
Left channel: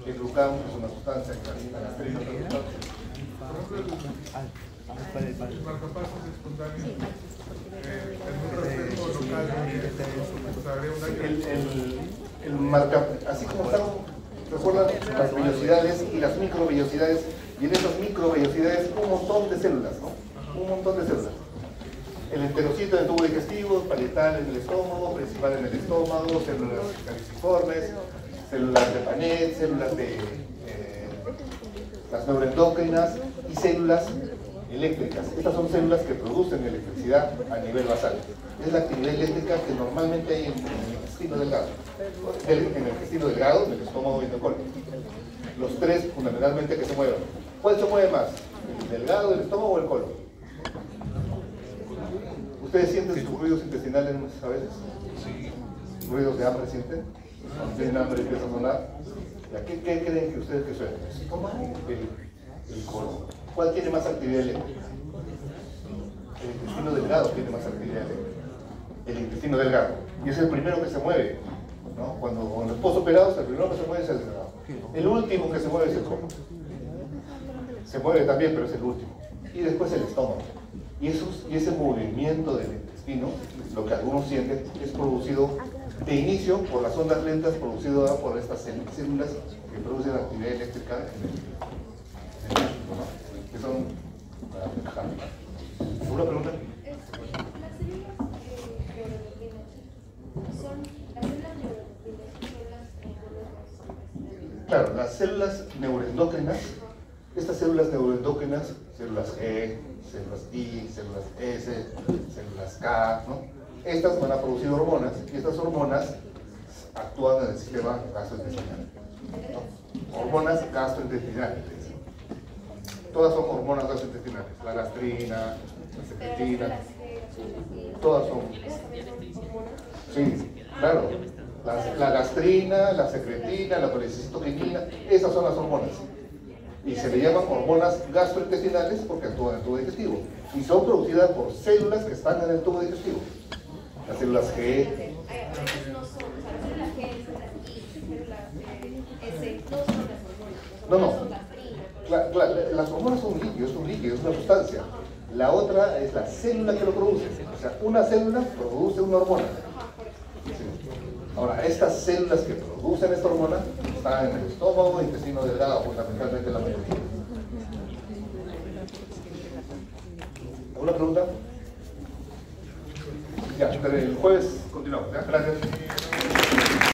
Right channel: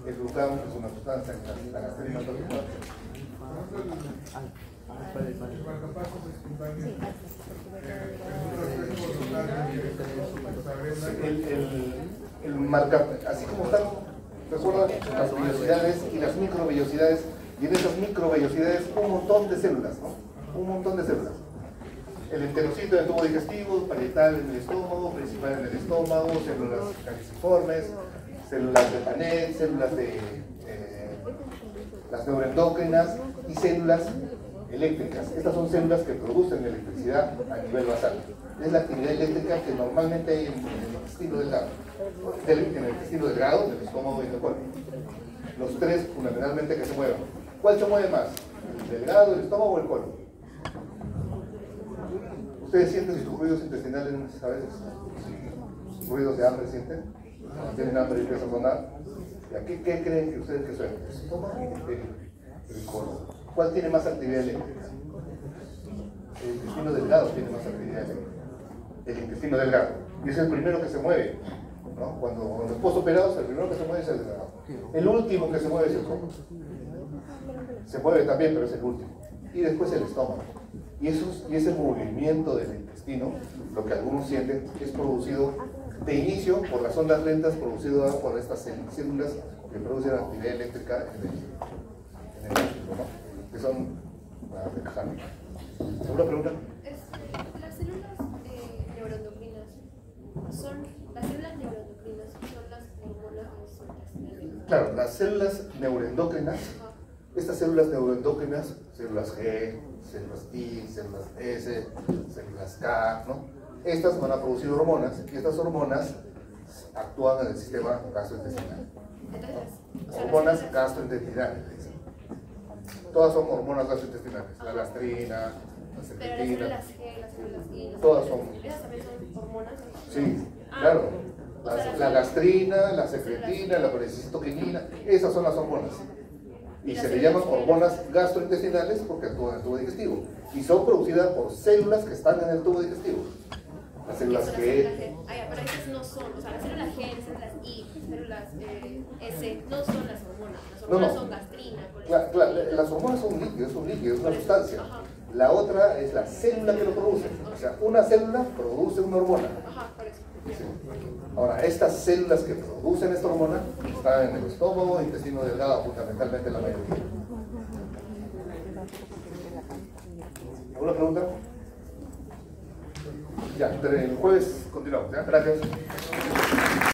El glucano es una sustancia, la gastrina es otra sustancia. El marcapasos espontáneos. El marca, así como están, recuerdan las vellosidades y las microvellosidades, y en esas microvellosidades un montón de células, ¿no? Un montón de células. El enterocito del tubo digestivo, parietal en el estómago, principal en el estómago, células caliciformes, células de Panet, células de las neuroendocrinas y células eléctricas. Estas son células que producen electricidad a nivel basal. Es la actividad eléctrica que normalmente hay en el intestino delgado. En el intestino delgado, en el estómago y en el colon. Los tres fundamentalmente que se mueven. ¿Cuál se mueve más? ¿El delgado, el estómago o el colon? ¿Ustedes sienten sus ruidos intestinales a veces? Sí. ¿Ruidos de hambre sienten? ¿Tienen hambre y empiezan a sonar? ¿Qué creen que ustedes que suenan? El colon. ¿Cuál tiene más actividad eléctrica? El intestino delgado tiene más actividad eléctrica. El intestino delgado. Y es el primero que se mueve, ¿no? Cuando en los posoperados, el primero que se mueve es el delgado. El último que se mueve es el colon. Se mueve también, pero es el último. Y después el estómago. Y ese movimiento del intestino, lo que algunos sienten, es producido de inicio por las ondas lentas producidas por estas células que producen actividad eléctrica en el músculo, ¿no? Que son ¿alguna pregunta? Las células neuroendocrinas son las Claro, las células neuroendocrinas, estas células neuroendocrinas, células G, células I, células S, células K, ¿no? Estas van a producir hormonas y estas hormonas actúan en el sistema gastrointestinal, ¿no? Hormonas gastrointestinales. Todas son hormonas gastrointestinales, la gastrina, la secretina, todas son. Sí, claro. La gastrina, la secretina, la colecistocrinina, esas son las hormonas. Y se le llaman hormonas gastrointestinales porque actúan en el tubo digestivo. Y son producidas por células que están en el tubo digestivo. Las células G. No, las hormonas son un líquido, es una sustancia. La otra es la célula que lo produce. O sea, una célula produce una hormona. Sí. Ahora, estas células que producen esta hormona están en el estómago, intestino delgado, fundamentalmente la mayoría. ¿Alguna pregunta? Ya, el jueves continuamos. ¿Ya? Gracias.